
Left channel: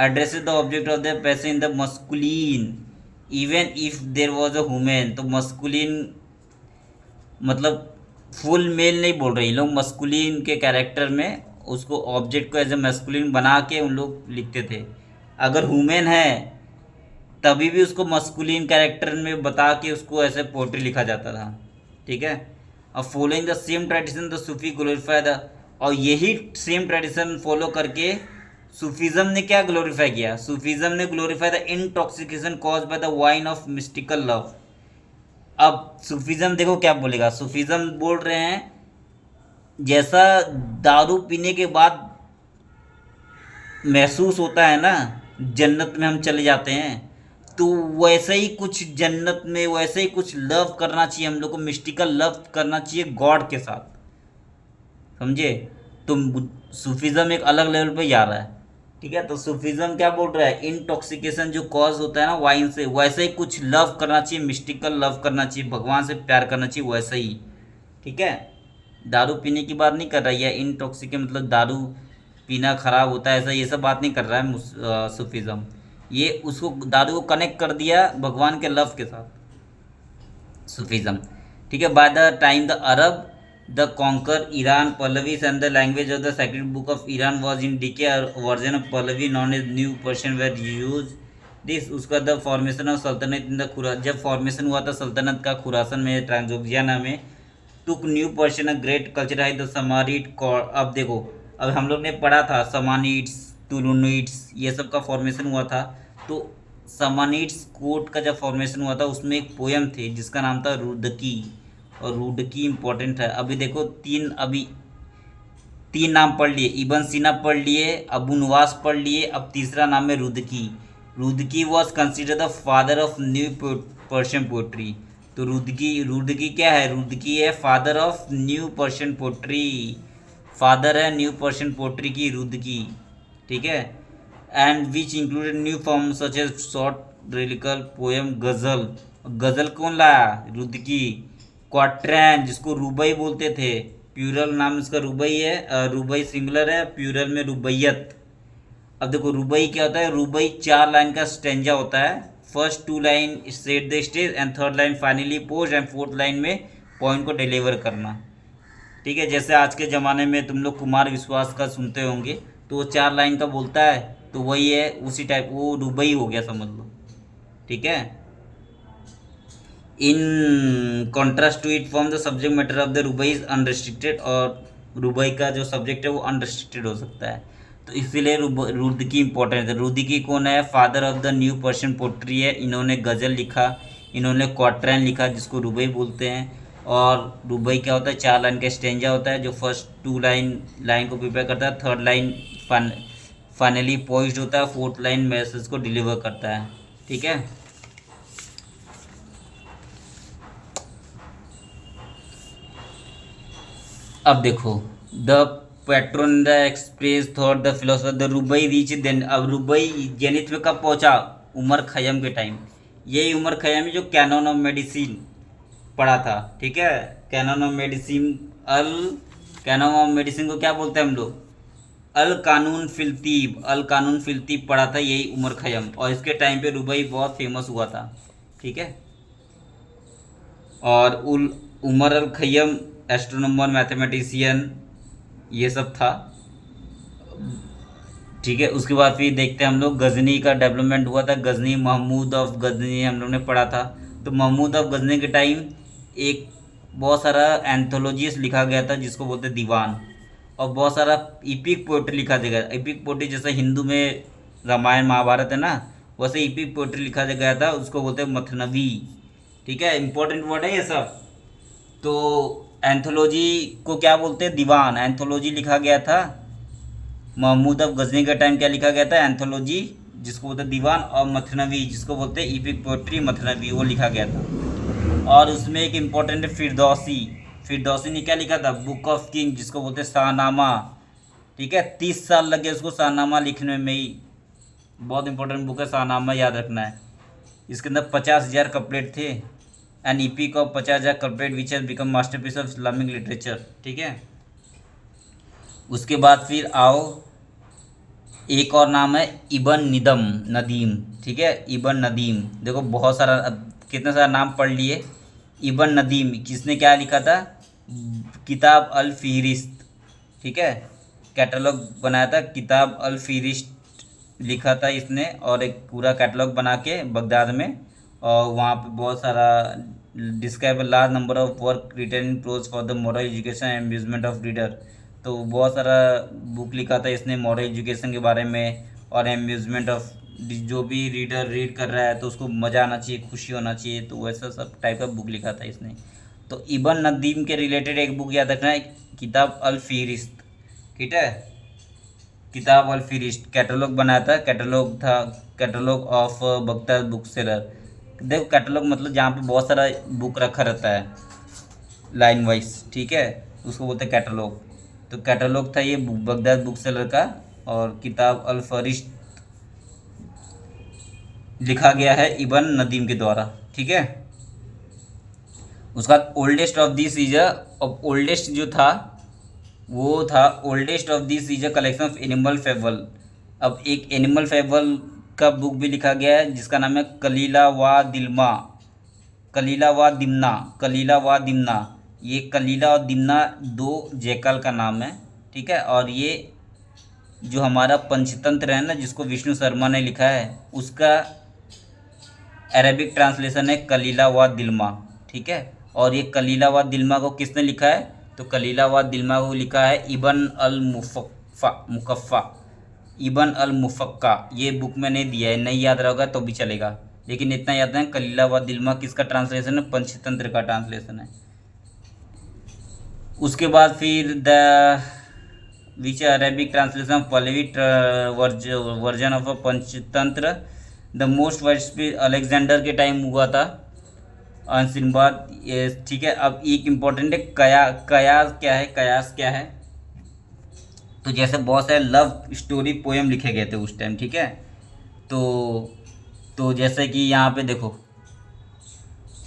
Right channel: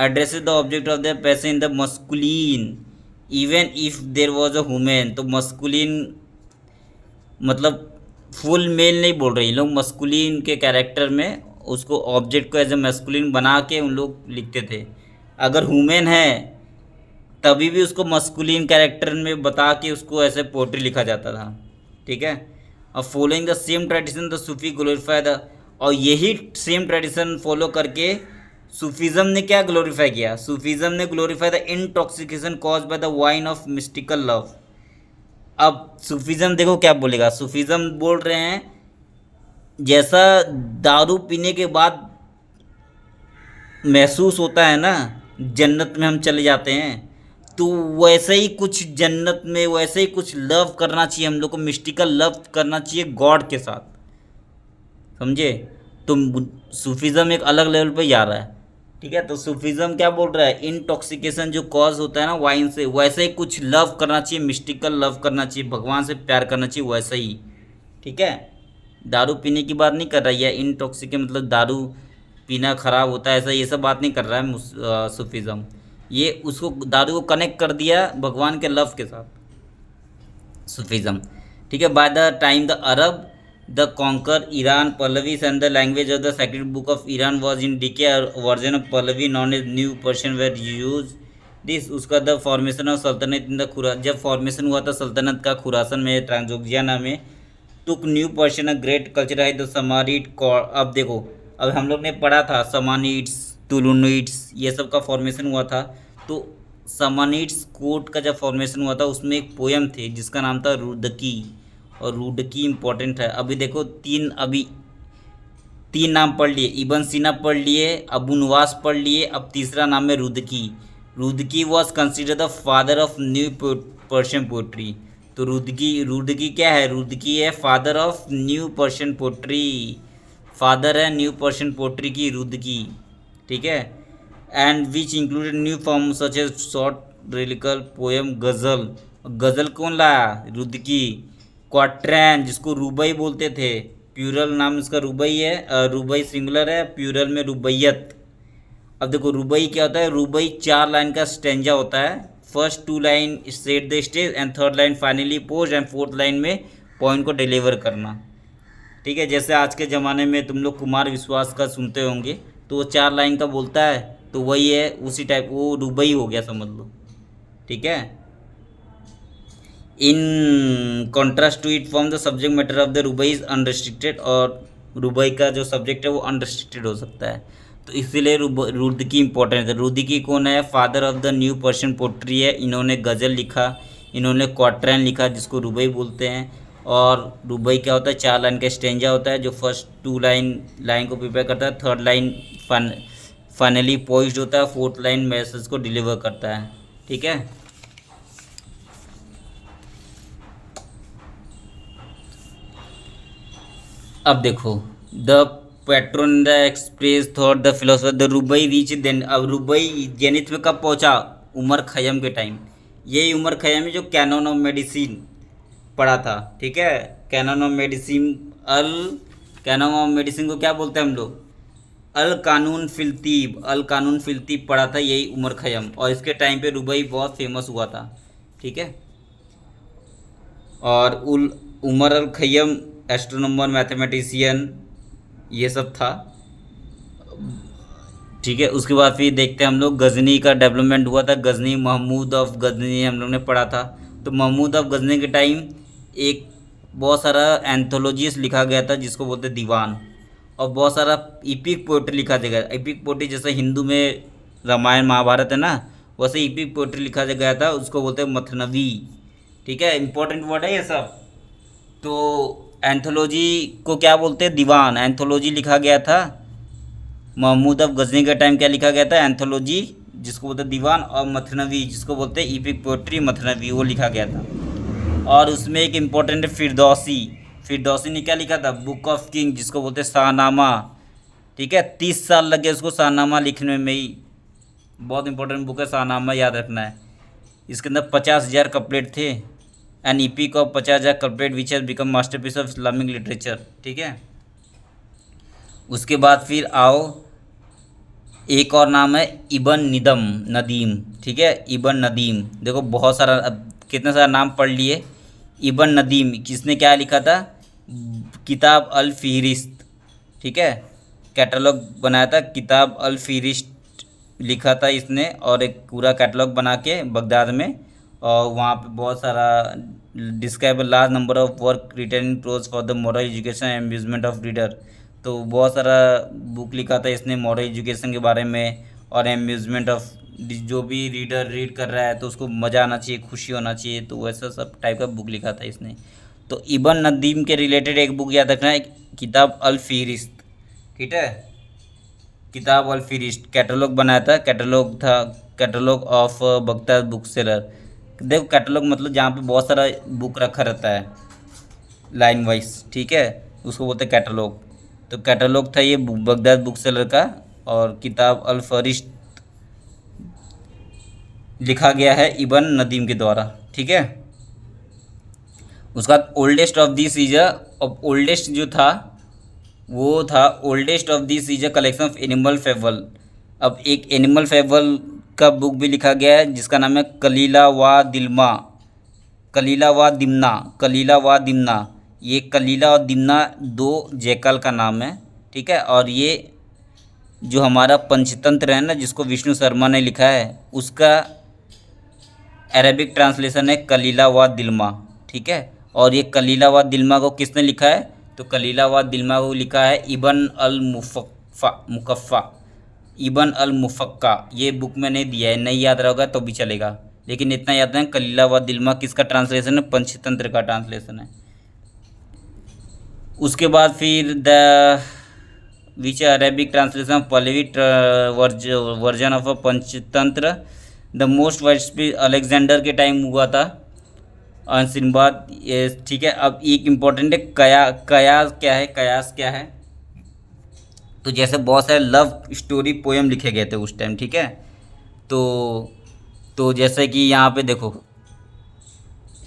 addresses the object of the passion in the masculine even if there was a women. तो मस्कुलिन मतलब फुल मेल नहीं बोल रहे, लोग मस्कुलिन के कैरेक्टर में उसको ऑब्जेक्ट को एज ए मस्कुलिन बना के उन लोग लिखते थे। अगर वुमेन है तभी भी उसको मस्कुलिन कैरेक्टर में बता के उसको ऐसे पोएट्री लिखा जाता था, ठीक है। और following the same tradition the Sufi glorify the, और यही सेम ट्रेडिशन फॉलो करके सूफीज़म ने क्या ग्लोरीफाई किया, सूफीज़म ने glorify the intoxication cause by the wine of mystical love. अब सूफीज़म देखो क्या बोलेगा, सूफीज़म बोल रहे हैं जैसा दारू पीने के बाद महसूस होता है ना जन्नत में हम चले जाते हैं, तो वैसे ही कुछ जन्नत में वैसे ही कुछ लव करना चाहिए हम लोग को, मिस्टिकल लव करना चाहिए गॉड के साथ, समझे। तो सूफीज़म एक अलग लेवल पे जा रहा है, ठीक है। तो सूफीज़म क्या बोल रहा है, इंटॉक्सिकेशन जो कॉज होता है ना वाइन से, वैसे ही कुछ लव करना चाहिए, मिस्टिकल लव करना चाहिए, भगवान से प्यार करना चाहिए वैसे ही, ठीक है। दारू पीने की बात नहीं कर रहा है, इंटॉक्सिकेट मतलब दारू पीना खराब होता है ऐसा ये सब बात नहीं कर रहा है सूफीज़म। ये उसको दारू को कनेक्ट कर दिया भगवान के लव के साथ, सूफीज़म, ठीक है। By the time the Arab The conquer Iran Pahlavis and the language of the sacred book of Iran was in decay. A version of Pahlavi known as New Persian were used. This उसका the formation of सल्तनत in the खुरा जब formation हुआ था सल्तनत का खुरासन में Transoxiana में took new Persian a great culture है द समारिट कॉर। अब देखो, अब हम लोग ने पढ़ा था समानिट्स टुलुनिट्स ये सब का फॉर्मेशन हुआ था। तो समानिट्स कोट का जब फॉर्मेशन हुआ था उसमें एक पोयम थी जिसका नाम था रुदकी, और रुदकी इम्पोर्टेंट है। अभी देखो तीन नाम पढ़ लिए, इबन सीना पढ़ लिए, अबू नवास पढ़ लिए, अब तीसरा नाम है Rudaki. Rudaki was consider the father of new Persian poetry. तो रुदकी क्या है? रुदकी है father of new Persian poetry, father है न्यू पर्शियन पोट्री की रुदकी, ठीक है। And which included new form such as short lyrical poem गज़ल। गज़ल कौन लाया? रुदकी। क्वाट्रैन जिसको रुबई बोलते थे, प्यूरल नाम इसका रुबई है, रुबई सिंगुलर है, प्यूरल में रुबैयत। अब देखो रुबई क्या होता है? रुबई 4 लाइन का स्टेंजा होता है। First 2 line set the stage and third line finally pose and fourth line में पॉइंट को डिलीवर करना, ठीक है। जैसे आज के ज़माने में तुम लोग कुमार विश्वास का सुनते होंगे तो वो 4 लाइन का बोलता है, तो वही है उसी टाइप, वो रुबई हो गया समझ लो, ठीक है। In contrast to it form the subject matter of the रुबई इज अनरिस्ट्रिक्टेड, और रुबई का जो सब्जेक्ट है वो अनरिस्ट्रिक्टेड हो सकता है। तो इसीलिए रुदकी इंपॉर्टेंट है। रुदकी कौन है? Father of the new Persian poetry है। इन्होंने गज़ल लिखा, इन्होंने क्वाट्रैन लिखा जिसको रुबई बोलते हैं। और रुबई क्या होता है? 4 लाइन का स्टेंजा होता है जो फर्स्ट 2 लाइन को प्रिपेयर करता है, थर्ड लाइन फाइनली पॉइज्ड होता है, फोर्थ लाइन मैसेज को डिलीवर करता है, ठीक है। अब देखो the patron the express thought the philosopher the रुबई रीच देन। अब रुबई जेनिथ में कब पहुंचा? उमर खैयम के टाइम। यही उमर खैयम है जो कैनन ऑफ मेडिसिन पढ़ा था, ठीक है। कैनन ऑफ मेडिसिन को क्या बोलते हैं हम लोग? अल कानून फिलतीब पढ़ा था यही उमर खैयम, और इसके टाइम पे रुबई बहुत फेमस हुआ था, ठीक है। और उमर अल खैयम एस्ट्रोनॉमर, मैथमेटिशियन ये सब था, ठीक है। उसके बाद फिर देखते हैं हम लोग गजनी का डेवलपमेंट हुआ था। गजनी, महमूद ऑफ गजनी हम लोग ने पढ़ा था। तो महमूद ऑफ गजनी के टाइम एक बहुत सारा एंथोलॉजीज लिखा गया था जिसको बोलते दीवान, और बहुत सारा इपिक पोएट्री लिखा गया। इपिक पोएट्री जैसे हिंदू में रामायण महाभारत है ना, वैसे इपिक पोएट्री लिखा गया था, उसको बोलते हैं मथनवी, ठीक है। इंपॉर्टेंट वर्ड है ये सब। तो एंथोलॉजी को क्या बोलते हैं? दीवान। एंथोलॉजी लिखा गया था महमूद ऑफ गजनी का टाइम, क्या लिखा गया था? एंथोलॉजी जिसको बोलते हैं दीवान, और मथनवी जिसको बोलते हैं इपिक पोएट्री मथनवी, वो लिखा गया था। और उसमें एक इम्पोर्टेंट है फिरदौसी ने क्या लिखा था? बुक ऑफ किंग जिसको बोलते हैं शाहनामा, ठीक है। 30 साल लगे उसको शाहनामा लिखने में ही। बहुत इंपॉर्टेंट बुक है शाहनामा, याद रखना है। इसके अंदर 50,000 कपलेट थे। An epic of 50,000 couplet which has become masterpiece of Islamic literature, ठीक है। उसके बाद फिर आओ, एक और नाम है इबन नदीम, ठीक है। इबन नदीम, देखो बहुत सारा, कितने सारा नाम पढ़ लिए। इबन नदीम किसने क्या लिखा था? किताब अल फ़िहरिस्त, ठीक है। कैटलॉग बनाया था, किताब अल फ़िहरिस्त लिखा था इसने, और एक पूरा कैटलॉग बना के बगदाद में, और वहाँ पे बहुत सारा describe large number of work written in prose for the moral education and amusement of reader. तो बहुत सारा बुक लिखा था इसने मॉरल एजुकेशन के बारे में, और अम्यूजमेंट ऑफ, जो भी रीडर रीड कर रहा है तो उसको मज़ा आना चाहिए, खुशी होना चाहिए, तो वैसा सब टाइप का बुक लिखा था इसने। तो इबन नदीम के रिलेटेड एक बुक याद रखना है, किताब अल फ़िहरिस्त, ठीक है। किताब अल फ़िहरिस्त कैटलॉग बनाया था, catalogue of Baghdad book seller. देखो कैटलॉग मतलब जहाँ पे बहुत सारा बुक रखा रहता है लाइन वाइज, ठीक है, उसको बोलते हैं कैटलॉग। तो कैटलॉग था ये बगदाद बुक सेलर का, और किताब अल फ़िहरिस्त लिखा गया है इबन नदीम के द्वारा, ठीक है। उसका oldest of this is oldest जो था वो था oldest of this is a collection of animal fable. अब एक एनिमल फेबल का बुक भी लिखा गया है जिसका नाम है कलीला वा दिमना। ये कलीला और दिमना दो जयकाल का नाम है, ठीक है। और ये जो हमारा पंचतंत्र है ना, जिसको विष्णु शर्मा ने लिखा है, उसका अरेबिक ट्रांसलेशन है कलीला व दिलमा, ठीक है। और ये कलीला व दिलमा को किसने लिखा है? तो कलीला व दिलमा को लिखा है इबन अल मुकफ़ा, इबन अल मुफक्का। ये बुक में नहीं दिया है, नहीं याद रहेगा तो भी चलेगा, लेकिन इतना याद है कलीला व दिलमा किसका ट्रांसलेशन है? पंचतंत्र का ट्रांसलेशन है। उसके बाद फिर the which Arabic translation Pahlavi version of a Panchatantra, the most wide Alexander के टाइम हुआ था। और सिनबाद, ये ठीक है। अब एक इम्पॉर्टेंट है कयास क्या है? कयास क्या है? तो जैसे बहुत सारे लव स्टोरी पोएम लिखे गए थे उस टाइम, ठीक है। तो जैसे कि यहाँ पे देखो,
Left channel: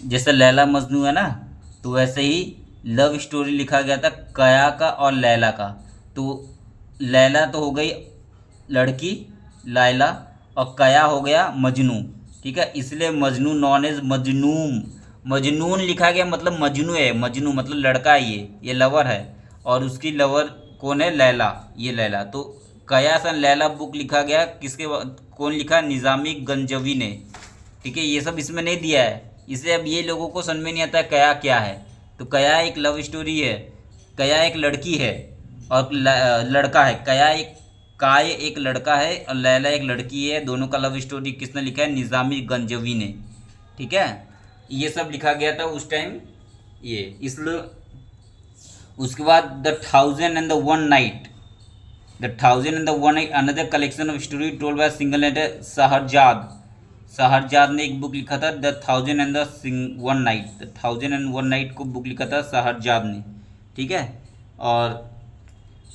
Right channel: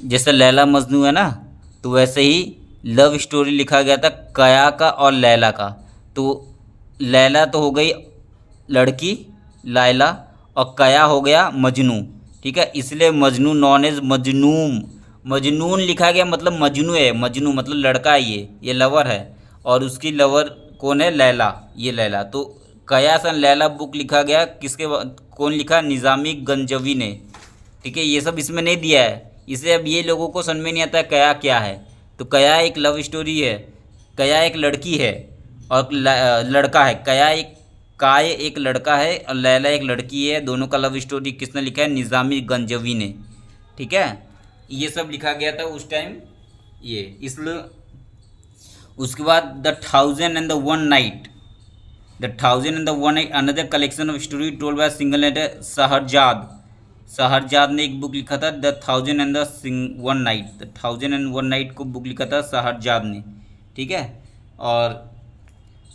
जैसे लैला मजनू है ना, तो वैसे ही लव स्टोरी लिखा गया था कया का और लैला का। तो लैला तो हो गई लड़की लायला, और कया हो गया मजनू, ठीक है। इसलिए मजनू नॉन एज मजनूम, मजनून लिखा गया, मतलब मजनू है, मजनू मतलब लड़का है, ये लवर है। और उसकी लवर कौन है? लैला, ये लैला। तो कया सन लैला बुक लिखा गया किसके कौन लिखा? निज़ामी गंजवी ने, ठीक है। ये सब इसमें नहीं दिया है, इसे अब ये लोगों को समझ में नहीं आता कया क्या है। तो कया एक लव स्टोरी है, कया एक लड़की है और लड़का है। कया एक काय एक लड़का है और लैला एक लड़की है, दोनों का लव स्टोरी किसने लिखा है? निज़ामी गंजवी ने, ठीक है। ये सब लिखा गया था उस टाइम, ये इसलिए। उसके बाद the 1001 night, the 1001 night another collection of story told by single letter Shahrazad. Shahrazad ने एक बुक लिखा था द 1001 नाइट, द 1001 नाइट को बुक लिखा था शहरजाद ने, ठीक है। और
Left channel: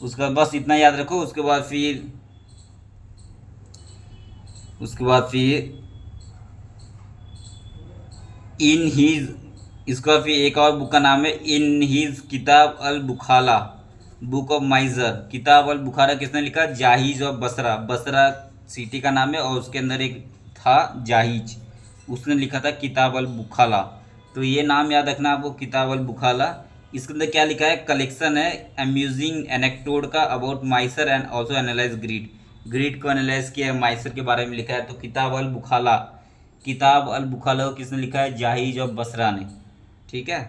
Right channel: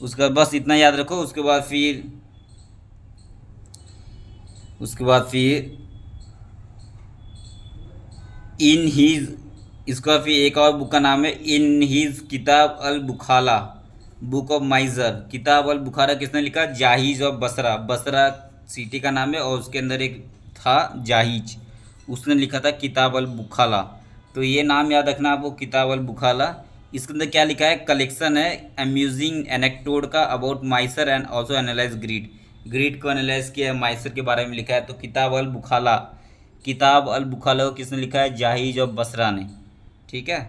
उसका बस इतना याद रखो। उसके बाद फिर इन हीज, इसका फिर एक और बुक का नाम है इन हीज किताब अल बुखाला, बुक ऑफ माइजर। किताब अल बुखारा किसने लिखा? जाहिज ऑफ बसरा, बसरा सिटी का नाम है और उसके अंदर एक था जाहिज, उसने लिखा था किताब अल बुखाला। तो ये नाम याद रखना आपको, किताब अल बुखाला। इसके अंदर क्या लिखा है? कलेक्शन है अम्यूजिंग एनेक्टोड का about miser and also analyse greed, greed को एनालाइज किया है, माइसर के बारे में लिखा है। तो किताब अल बुखाला, किताब अल बुखाला को किसने लिखा है? जाहिज ऑफ बसरा ने, ठीक है।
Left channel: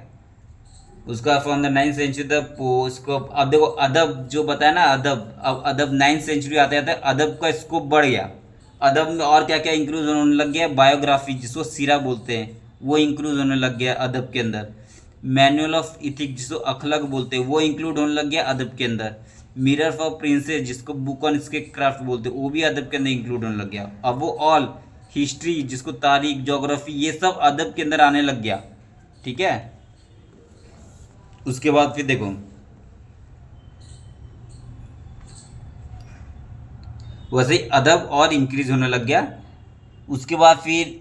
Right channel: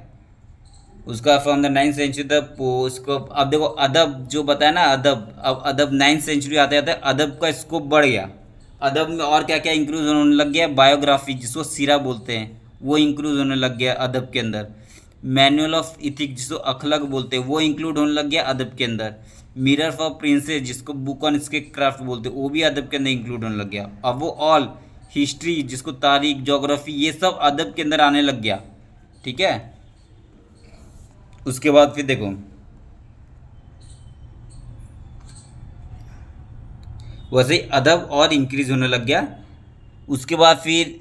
उसका from the 9th century the scope. अब देखो अदब जो बताया ना, अदब, अब अदब 9th सेंचुरी आते आते अदब का स्कोप बढ़ गया। अदब में और क्या क्या इंक्लूड होने लग गया? बायोग्राफी, जिसको सीरा बोलते हैं, वो इंक्लूड होने लग गया अदब के अंदर। मैनुअल ऑफ इथिक्स, जिसको अखलाक बोलते हैं, वो इंक्लूड होने लग गया अदब के अंदर। मिरर फॉर प्रिंसेस, जिसको बुक ऑन इसके क्राफ्ट बोलते हैं, वो भी अदब के अंदर इंक्लूड होने लग गया। अब वो ऑल हिस्ट्री, जिसको तारीख, जोग्राफी, ये सब अदब के अंदर आने लग गया, ठीक है। उसके बाद फिर देखो, वैसे ही अदब और इंक्रीज होने लग गया। उसके बाद फिर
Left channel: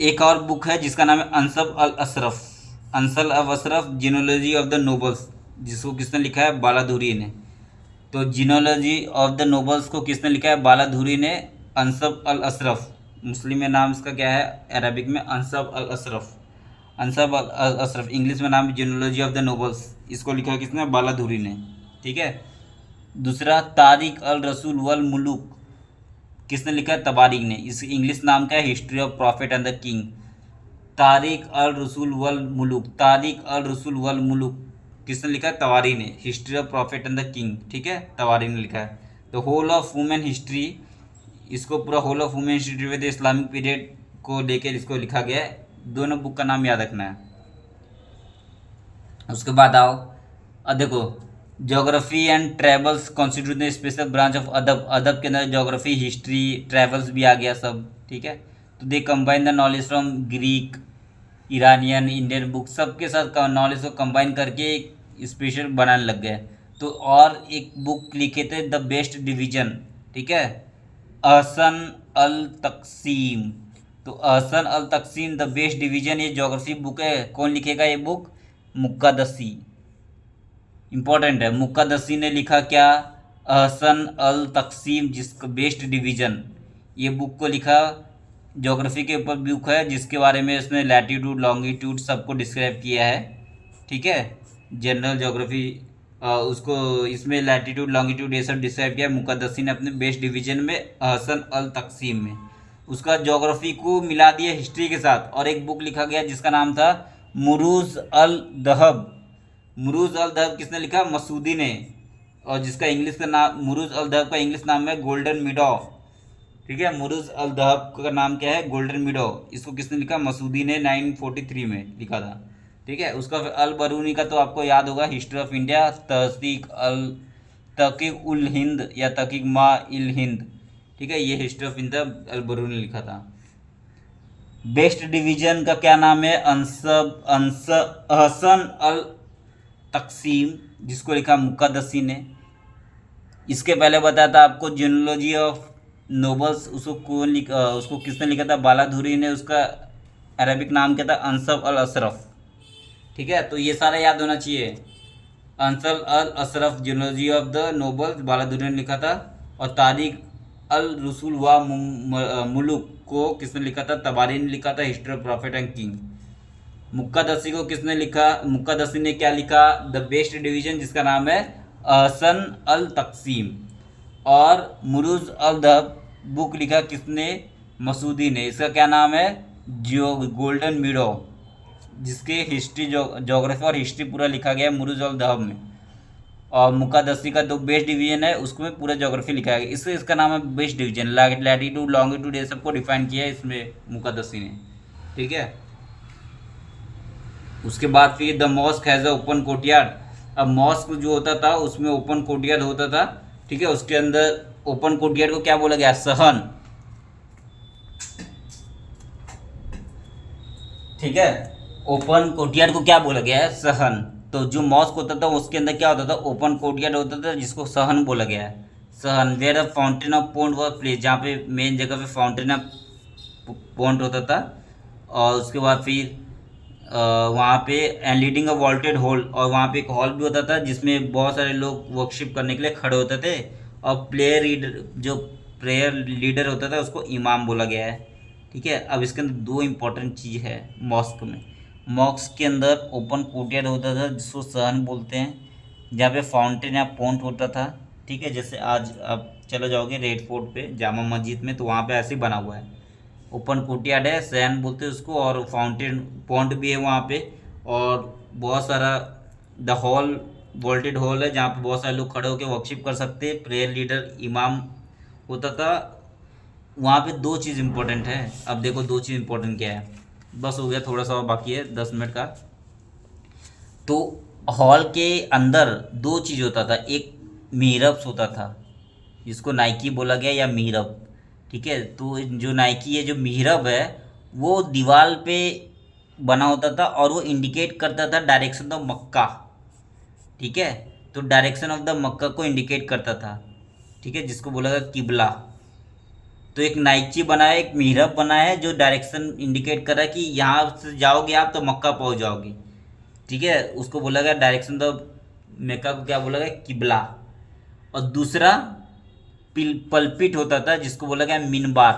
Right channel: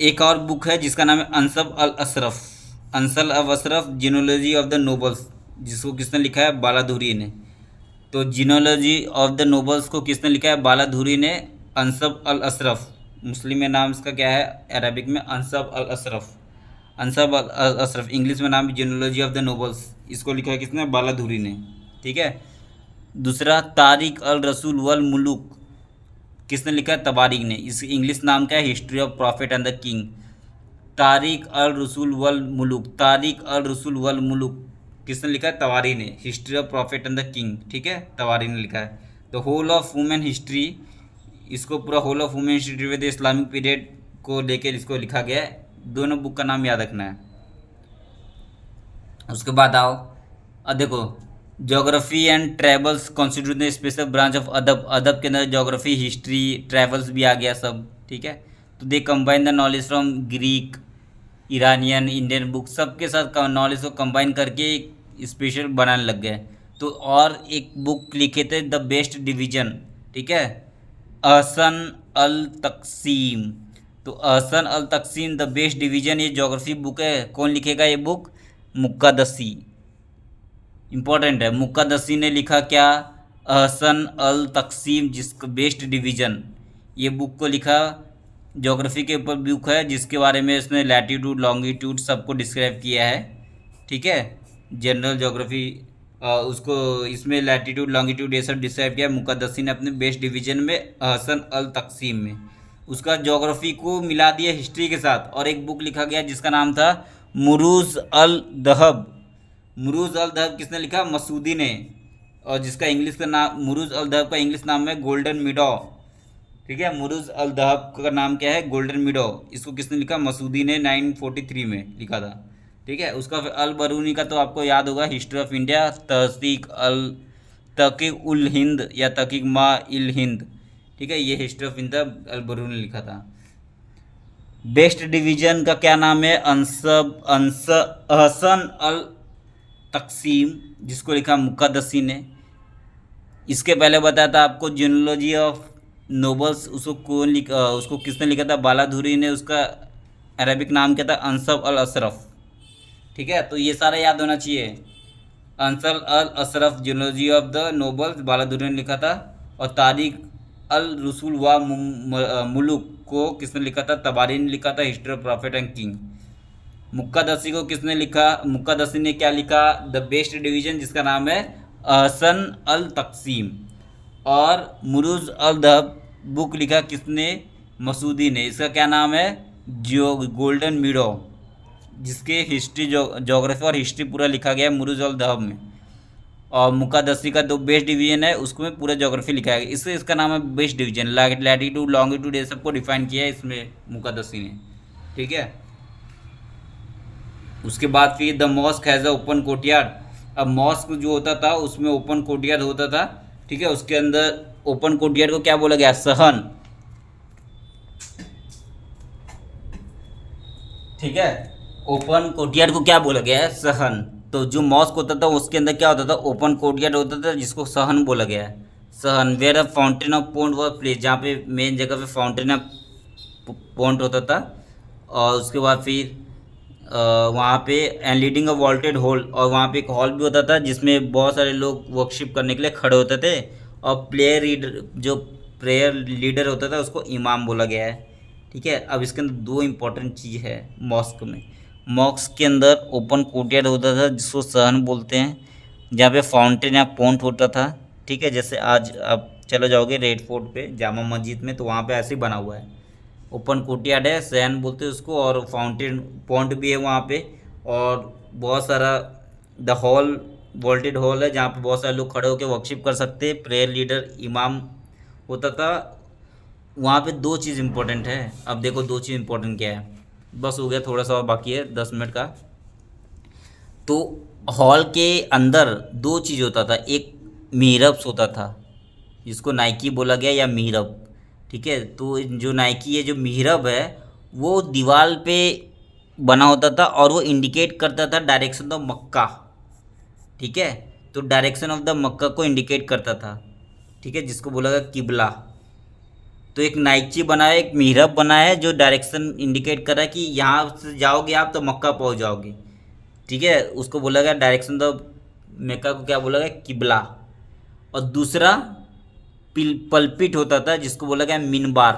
एक और बुक है जिसका नाम है Ansal al Ashraf, Ansal al Ashraf जिनोलॉजी of the nobles, जिसको किसने लिखा है? बालाधुरी ने। तो जिनोलॉजी ऑफ द नोबल्स को किसने लिखा है? बालाधुरी ने। अंसब अल अशरफ, मुस्लिम में नाम इसका क्या है? अरबिक में अंसब अल अशरफ, अंसब अल अशरफ। इंग्लिश में नाम जिनोलॉजी ऑफ द नोबल्स, इसको लिखा है किसने? बालाधुरी ने, ठीक है। दूसरा तारिक अल रसूल वल मुलुक, किसने लिखा है? तबारिक ने। इस इंग्लिश नाम क्या है? History of prophet and the king. Tarikh al Rasul wal मुलुक, तारिक अल रसूल वल मुलुक किसने लिखा है? तवारी ने। History of prophet and the king, ठीक है, तवारी ने लिखा है। तो होल ऑफ वुमेन हिस्ट्री, इसको पूरा whole of women history with Islamic period को लेकर इसको लिखा गया है। दोनों बुक का नाम याद रखना है। उसके बाद आओ, अब देखो geography and travels constitute special branch of अदब, अदब के अंदर ज्योग्राफी, हिस्ट्री, ट्रैवल्स भी आ गया सब, ठीक है। तो they combine the knowledge from Greek, Iranian, Indian book, सबके साथ नॉलेज को कंबाइन करके एक स्पेशल बनाने लग गए। तो और एक बुक लिखे थे द बेस्ट डिवीजन, ठीक है, अहसन अल तकसीम। तो अहसन अल तकसीम द बेस्ट डिवीजन, ये ज्योग्राफी बुक है। कौन लिखेगा ये बुक? मुक्कादसी, इंपॉर्टेंट है। मुक्कादसी ने लिखा क्या? अहसन अल तकसीम, जिसका बेस्ट डिवीजन, ये बुक को लिखा। ज्योग्राफी के ऊपर बुक है जिसके बारे में इसने लैटीट्यूड, लॉन्गिट्यूड सबको डिस्क्राइब किया है। ठीक है, जनरल ज्योग्राफी। उसको इसमें लैटिट्यूड लॉन्गिट्यूड ये सब डिस्क्राइब किया मुकद्दसी ने अपने बेस्ट डिवीजन में हसन अल तकसीम में। उसका ज्योग्राफी को मिला दिया हिस्ट्री के साथ, और एक बुक लिखा गया जिसका नाम था मुरूज अल दहब। मुरूज अल दहब किसने लिखा? मसूदी ने। और जिसका इंग्लिश का नाम, मुरूज अल दहब का इंग्लिश नाम है गोल्डन मिडो। ठीक है, मुरूज अल दहब का नाम क्या है? गोल्डन मिडो। इसको किसने लिखा? मसूदी ने 943 में लिखा था। ठीक है, उसका फिर अल बरूनी का तो आपको याद होगा, हिस्ट्री ऑफ इंडिया, तहकीक उल हिंद या तहकीक मा इल हिंद। ठीक है, ये history of India Al Biruni ने लिखा था। बेस्ट डिवीजन का क्या नाम है? अहसन अल तकसीम, जिसको लिखा मुकद्दसी ने। इसके पहले बताया था आपको जियोलॉजी ऑफ नोबल्स, उसको किसने लिखा था? बालाधुरी ने। उसका अरबिक नाम क्या था? अंसब अल अशरफ। ठीक है, तो ये सारा याद होना चाहिए। Ansab al Ashraf, genealogy of the nobles, Baladhuri ने लिखा था। और तारीख अल रसूल व मुलुक को किसने लिखा था? तबारी ने लिखा था, history of prophet and king. Muqaddasi को किसने लिखा? मुक्कादसी ने क्या लिखा? द बेस्ट डिवीजन, जिसका नाम है अहसन अल तकसीम। और मुरूज अल दहब बुक लिखा किसने? मसूदी ने। इसका क्या नाम है? गोल्डन मिडो, जिसके हिस्ट्री जोग्राफी और हिस्ट्री पूरा लिखा गया है मुरूज अल दहब में। और मुक्कादसी का जो बेस्ट डिवीजन है उसको में पूरा ज्योग्राफी लिखा है, इससे इसका नाम है बेस्ट डिवीजन। लैटिट्यूड लॉन्गिट्यूड ये सबको डिफाइन किया है इसमें मुक्कादसी ने। ठीक है, उसके बाद फिर the mosque has a open courtyard. अब मॉस्क जो होता था उसमें ओपन कोर्टयार्ड होता था। ठीक है, उसके अंदर ओपन कोर्टयार्ड को क्या बोला गया? सहन। ठीक है, ओपन कोर्टयार्ड को क्या बोला गया है? सहन। तो जो मॉस्क होता था उसके अंदर क्या होता था? ओपन कोर्टयार्ड होता था, जिसको सहन बोला गया है। सहन were a fountain of pond was place, जहाँ पे मेन जगह पे फाउंटेन ऑफ पॉन्ड होता था। और उसके बाद फिर वहाँ पे and leading a vaulted hall, और वहाँ पे एक हॉल भी होता था जिसमें बहुत सारे लोग वर्कशिप करने के लिए खड़े होते थे। और प्लेयर लीडर, जो प्रेयर लीडर होता था उसको इमाम बोला गया है। ठीक है, अब इसके अंदर दो इम्पोर्टेंट चीज़ है मॉस्क में। मॉस्क के अंदर ओपन कोर्टयार्ड होता था जिसको सहन बोलते हैं, जहाँ पे फाउंटेन या पॉन्ट होता था। ठीक है, जैसे आज आप चले जाओगे रेड फोर्ट पे जामा मस्जिद में, तो वहाँ पे ऐसे ही बना हुआ है। ओपन कोर्टयार्ड है, सहन बोलते हैं उसको, और फाउंटेन पॉन्ट भी है वहाँ पे। और बहुत सारा द हॉल, वॉल्टेड हॉल है जहाँ पे बहुत सारे लोग खड़े होकर वर्कशिप कर सकते हैं। प्रेयर लीडर इमाम होता था। वहाँ पे दो चीज़ इंपॉर्टेंट है। अब देखो दो चीज़ इंपॉर्टेंट क्या है। बस हो गया, थोड़ा सा और बाकी है 10 मिनट का। तो हॉल के अंदर दो चीज़ होता था, एक मिहरब्स होता था जिसको नाइकी बोला गया या मिहरब। ठीक है, तो जो नाइकी है, जो मिहरब है, वो दीवार पे बना होता था और वो इंडिकेट करता था डायरेक्शन ऑफ मक्का। ठीक है, तो डायरेक्शन ऑफ द मक्का को इंडिकेट करता था। ठीक है, जिसको बोला गया किबला। तो एक नाइकी बना है, एक मिहरब बना है जो डायरेक्शन इंडिकेट कर रहा है कि यहाँ से जाओगे आप तो मक्का पहुँच जाओगे। ठीक है, उसको बोला गया डायरेक्शन द मक्का को क्या बोला गया? किबला। और दूसरा पल्पिट होता था जिसको बोला गया मिनबार।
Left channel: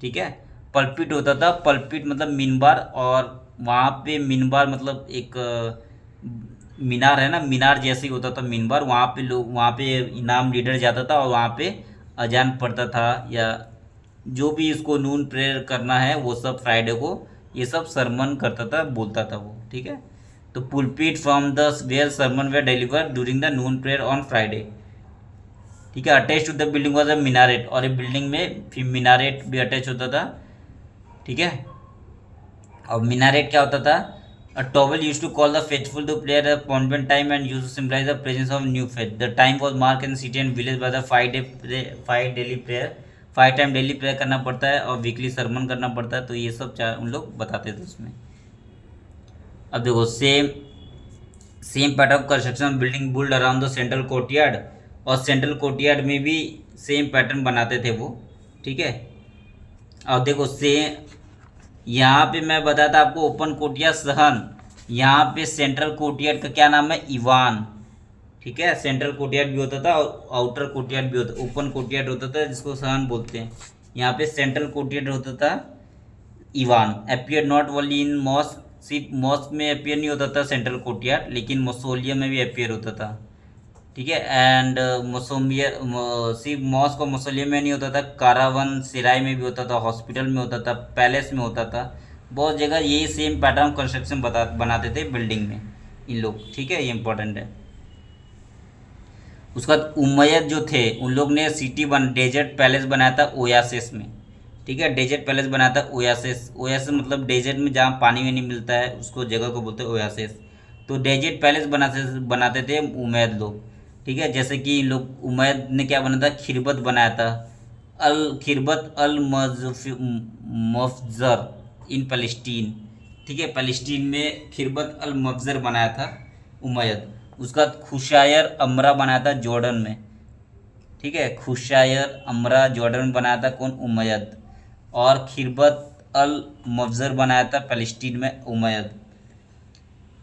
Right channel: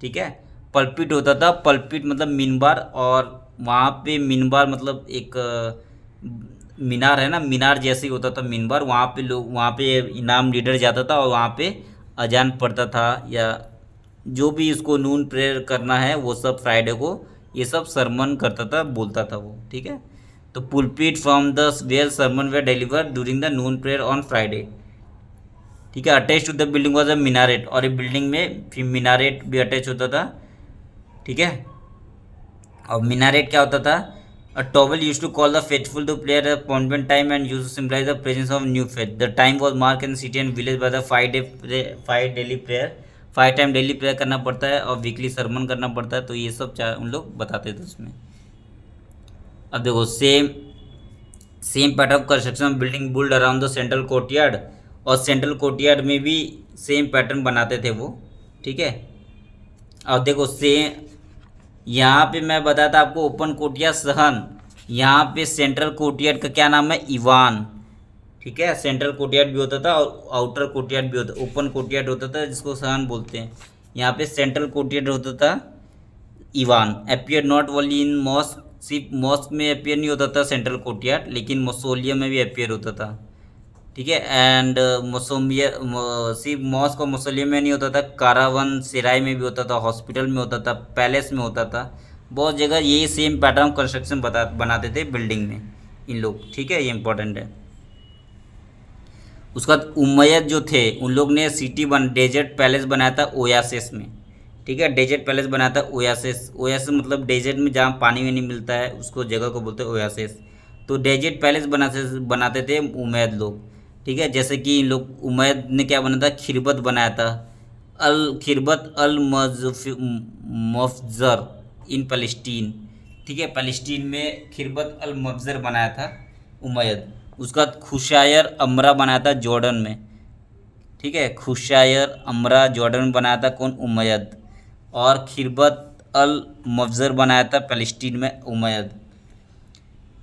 ठीक है, पल्पिट होता था, पल्पिट मतलब मिनबार। और वहाँ पे मिनबार मतलब एक मीनार है ना, मीनार जैसे ही होता था मिनबार। वहाँ पे लोग, वहाँ पे इनाम लीडर जाता था और वहाँ पे अजान पढ़ता था, या जो भी इसको नून प्रेयर करना है वो सब फ्राइडे को ये सब सरमन करता था, बोलता था वो। ठीक है, तो pulpit from the where sermon were deliver during the noon prayer on Friday. ठीक है, attach to the building was a minaret, और एक बिल्डिंग में फिर मीनारेट भी अटैच होता था। ठीक है, और मीनारेट क्या होता था? A tower use to call the faithful to prayer appointment time and use to symbolise the presence of new faith. The time was mark in city and village by the 5 daily prayer. 5 time daily prayer करना पड़ता है और weekly Sarman करना पड़ता है। तो ये सब उन लोग बताते थे उसमें। अब देखो same pattern of construction building built around the central courtyard, और सेंट्रल कोर्टयार्ड में भी सेम पैटर्न बनाते थे वो। ठीक है, और देखो यहाँ पे मैं बताता आपको ओपन कोर्टयार्ड सहन, यहाँ पे सेंट्रल कोर्टयार्ड का क्या नाम है? ईवान। ठीक है, सेंट्रल कोर्टयार्ड भी होता था और आउटर कोर्टयार्ड भी होता, ओपन कोर्टयार्ड होता था जिसको सहन बोलते हैं। यहाँ पे सेंट्रल कोर्टयार्ड होता था ईवान। Appear not only in mosque सिर्फ मॉस्क में अपियर नहीं होता था सेंट्रल कोर्टयार्ड, लेकिन मौसोलियम में भी अपियर होता था, ठीक है। एंड मोसोमिया सिर्फ मॉस्क और मौसोलियम में नहीं होता था, कारावन सिराय में भी होता था, हॉस्पिटल में होता था, पैलेस में होता था, बहुत जगह यही सेम पैटर्न कंस्ट्रक्शन बनाते थे बिल्डिंग में इन लोग, ठीक है, ये इंपॉर्टेंट है। उसके बाद उमैयद जो थे उन लोग ने डेजर्ट पैलेस बनाया था ओयासिस में, ठीक है, डेजर्ट पैलेस बनाया था ओयासिस। ओयासिस मतलब डेजर्ट में जहाँ पानी में नहीं मिलता है उसको जगह को बोलते हैं ओयासिस। तो डेजर्ट पैलेस बनाते थे उमैयद लोग, ठीक है। जैसे कि इन लोग उमैयद ने क्या बनाया था, खिरबत बनाया था, खिरबत अल मफजर इन पैलेस्टीन, ठीक है, पैलेस्टीन में खिरबत अल मफजर बनाया था उमैयद। उसका खुशायर अमरा बनाया था जॉर्डन में, ठीक है, खुशायर अमरा जॉर्डन में बनाया था कौन, उमैयद। और खिरबत अल मफजर बनाया था पैलेस्टीन में Umayyad.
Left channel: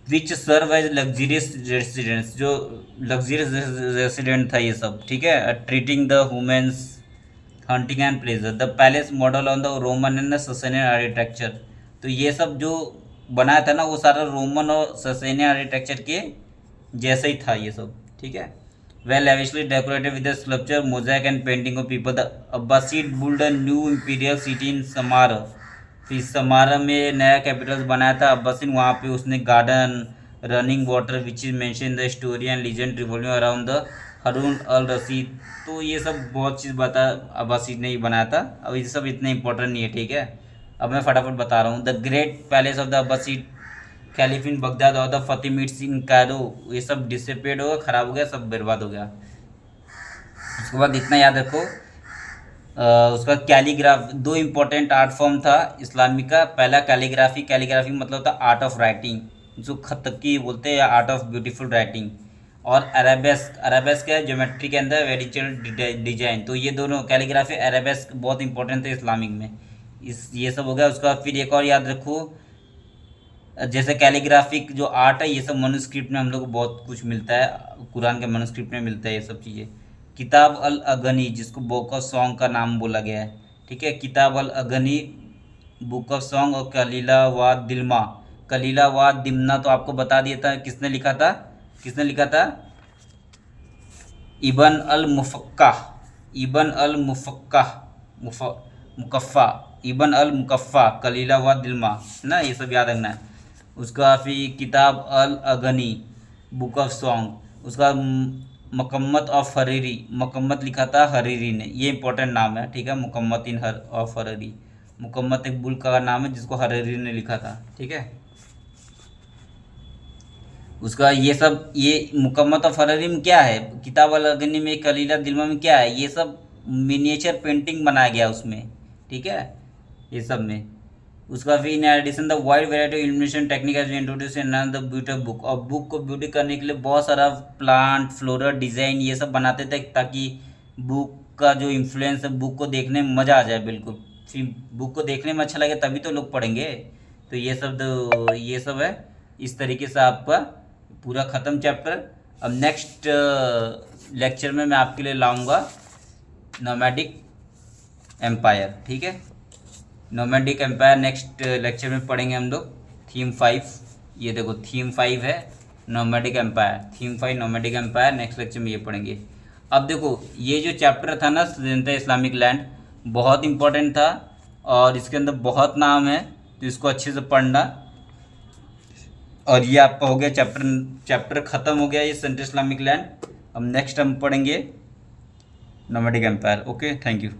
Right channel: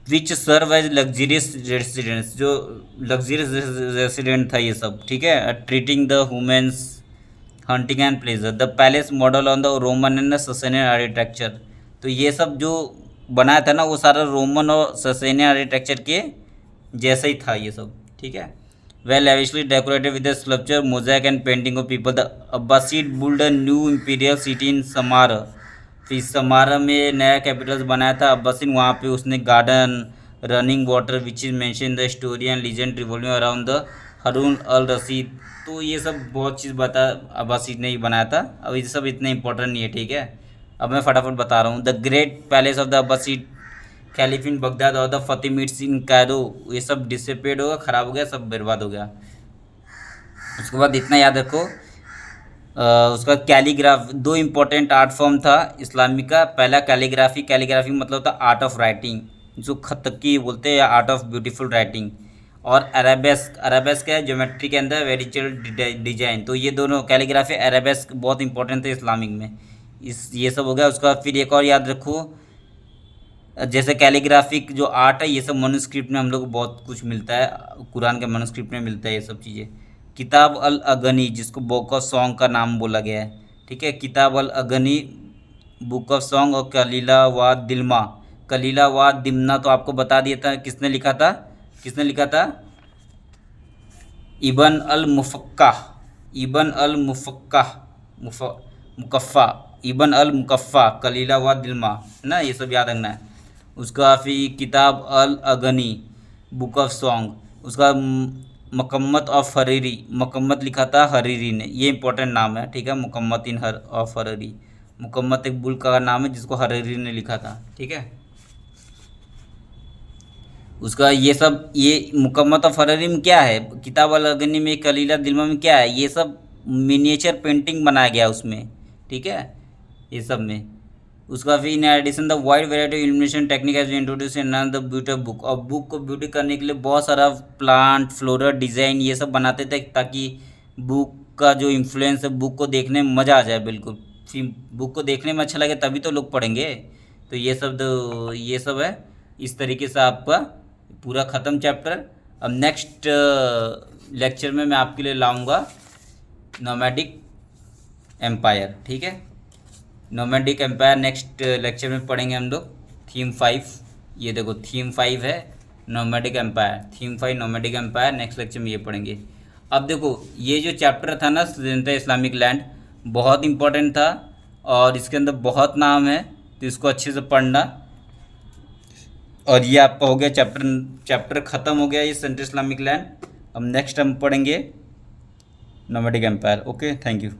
Which serve as luxurious residence, जो लग्जरियस रेसिडेंट था ये सब, ठीक है, treating the women's, hunting and pleasure, the palace model on the Roman and Sasanian architecture. तो ये सब जो बनाया था ना वो सारा रोमन और ससेनियन आर्किटेक्चर के जैसा ही था ये सब, ठीक है। Well lavishly decorated with sculpture, mosaic and painting of people. The Abbasid built a new imperial city in Samarra. फिर समारा में नया कैपिटल बनाया था अब्बासीन, वहाँ पे उसने garden, running water which is mention the story and legend revolving around the Harun al Rashid. तो ये सब बहुत चीज़ अब्बासीद ने ही बनाया था। अब ये सब इतना इंपॉर्टेंट नहीं है, ठीक है। अब मैं फटाफट बता रहा हूँ। The great palace of the Abbasid caliph in Baghdad और द फतेमिड्स इन कैरो, ये सब डिसपेड हो गया, ख़राब हो गया, सब बर्बाद हो गया। उसके बाद इतना याद रखो, उसका कैलीग्राफ, दो इम्पोर्टेंट आर्ट फॉर्म था इस्लामिक का। पहला कैलीग्राफी, कैलीग्राफी मतलब था आर्ट ऑफ राइटिंग, जो खत की बोलते हैं, या आर्ट ऑफ ब्यूटीफुल राइटिंग। और अरेबेस्क, अरेबेस्क है ज्योमेट्री के अंदर वेरिचुअल डिजाइन। तो ये दोनों कैलीग्राफी अरेबेस्क बहुत इंपॉर्टेंट थे इस्लामिक में। इस ये सब हो गया। उसका फिर एक और याद रखो, जैसे कैलीग्राफिक जो आर्ट है ये सब मनुस्क्रिप्ट में हम लोग को बहुत कुछ मिलता है, कुरान के मनुस्क्रिप्ट में मिलता है ये सब चीज़ें। किताब अल अगनी, जिसको बुक ऑफ सॉन्ग का नाम बोला गया है, ठीक है, किताब अल अगनी बुक ऑफ सॉन्ग। और कलीला व दिल्मा, कलीला व दिमना तो आपको बता दिया था किसने लिखा था, किसने लिखा था, इबन अल मुफक्का, इबन अल मुफक्का, मुकफ़ा, इबन अल मुकफ़ा, कलीला व दिल्मा, है ना, ये सब याद रखना है। उसका फिर किताब अल अगनी बुक ऑफ सॉन्ग। उसका मकम्मत ऑफ हरीरी, मकम्मत लिखा था हरीरी ने, ये इंपॉर्टेंट नाम है, ठीक है, मुकम्मत इन हर ऑफ हरीरी। मुकम्मत एक बुल का नाम है जिसको हरीरी ने लिखा था, ठीक है। उसका ये सब, ये मुकम्मत ऑफ हरीरी में क्या है, किताब अल अगनी में, कलीला दिल्मा में क्या है, ये सब मिनिएचर पेंटिंग बनाया गया उसमें, ठीक है, ये सब में। उसका फिर in addition the wide variety of illumination technique has been introduce in the beauty of book. और बुक को ब्यूटी करने के लिए बहुत सारा प्लांट, फ्लोरल डिज़ाइन ये सब बनाते थे, ताकि बुक का जो इन्फ्लुएंस है बुक को देखने में मज़ा आ जाए बिल्कुल। फिर बुक को देखने में अच्छा लगे तभी तो लोग पढ़ेंगे। तो ये सब है। इस तरीके से आपका पूरा ख़त्म चैप्टर। अब नेक्स्ट लेक्चर में मैं आपके लिए लाऊंगा नोमैडिक एम्पायर, ठीक है, नोमैडिक एम्पायर नेक्स्ट लेक्चर में पढ़ेंगे हम लोग। थीम 5, ये देखो थीम 5 है nomadic empire, theme 5 nomadic empire, next lecture में ये पढ़ेंगे। अब देखो ये जो चैप्टर था ना स्वतंत्र इस्लामिक लैंड, बहुत इंपॉर्टेंट था और इसके अंदर बहुत नाम है, तो इसको अच्छे से पढ़ना। और ये आपका हो गया चैप्टर ख़त्म हो गया ये सेंट्रल इस्लामिक लैंड। अब नेक्स्ट हम पढ़ेंगे nomadic empire. Okay, thank you.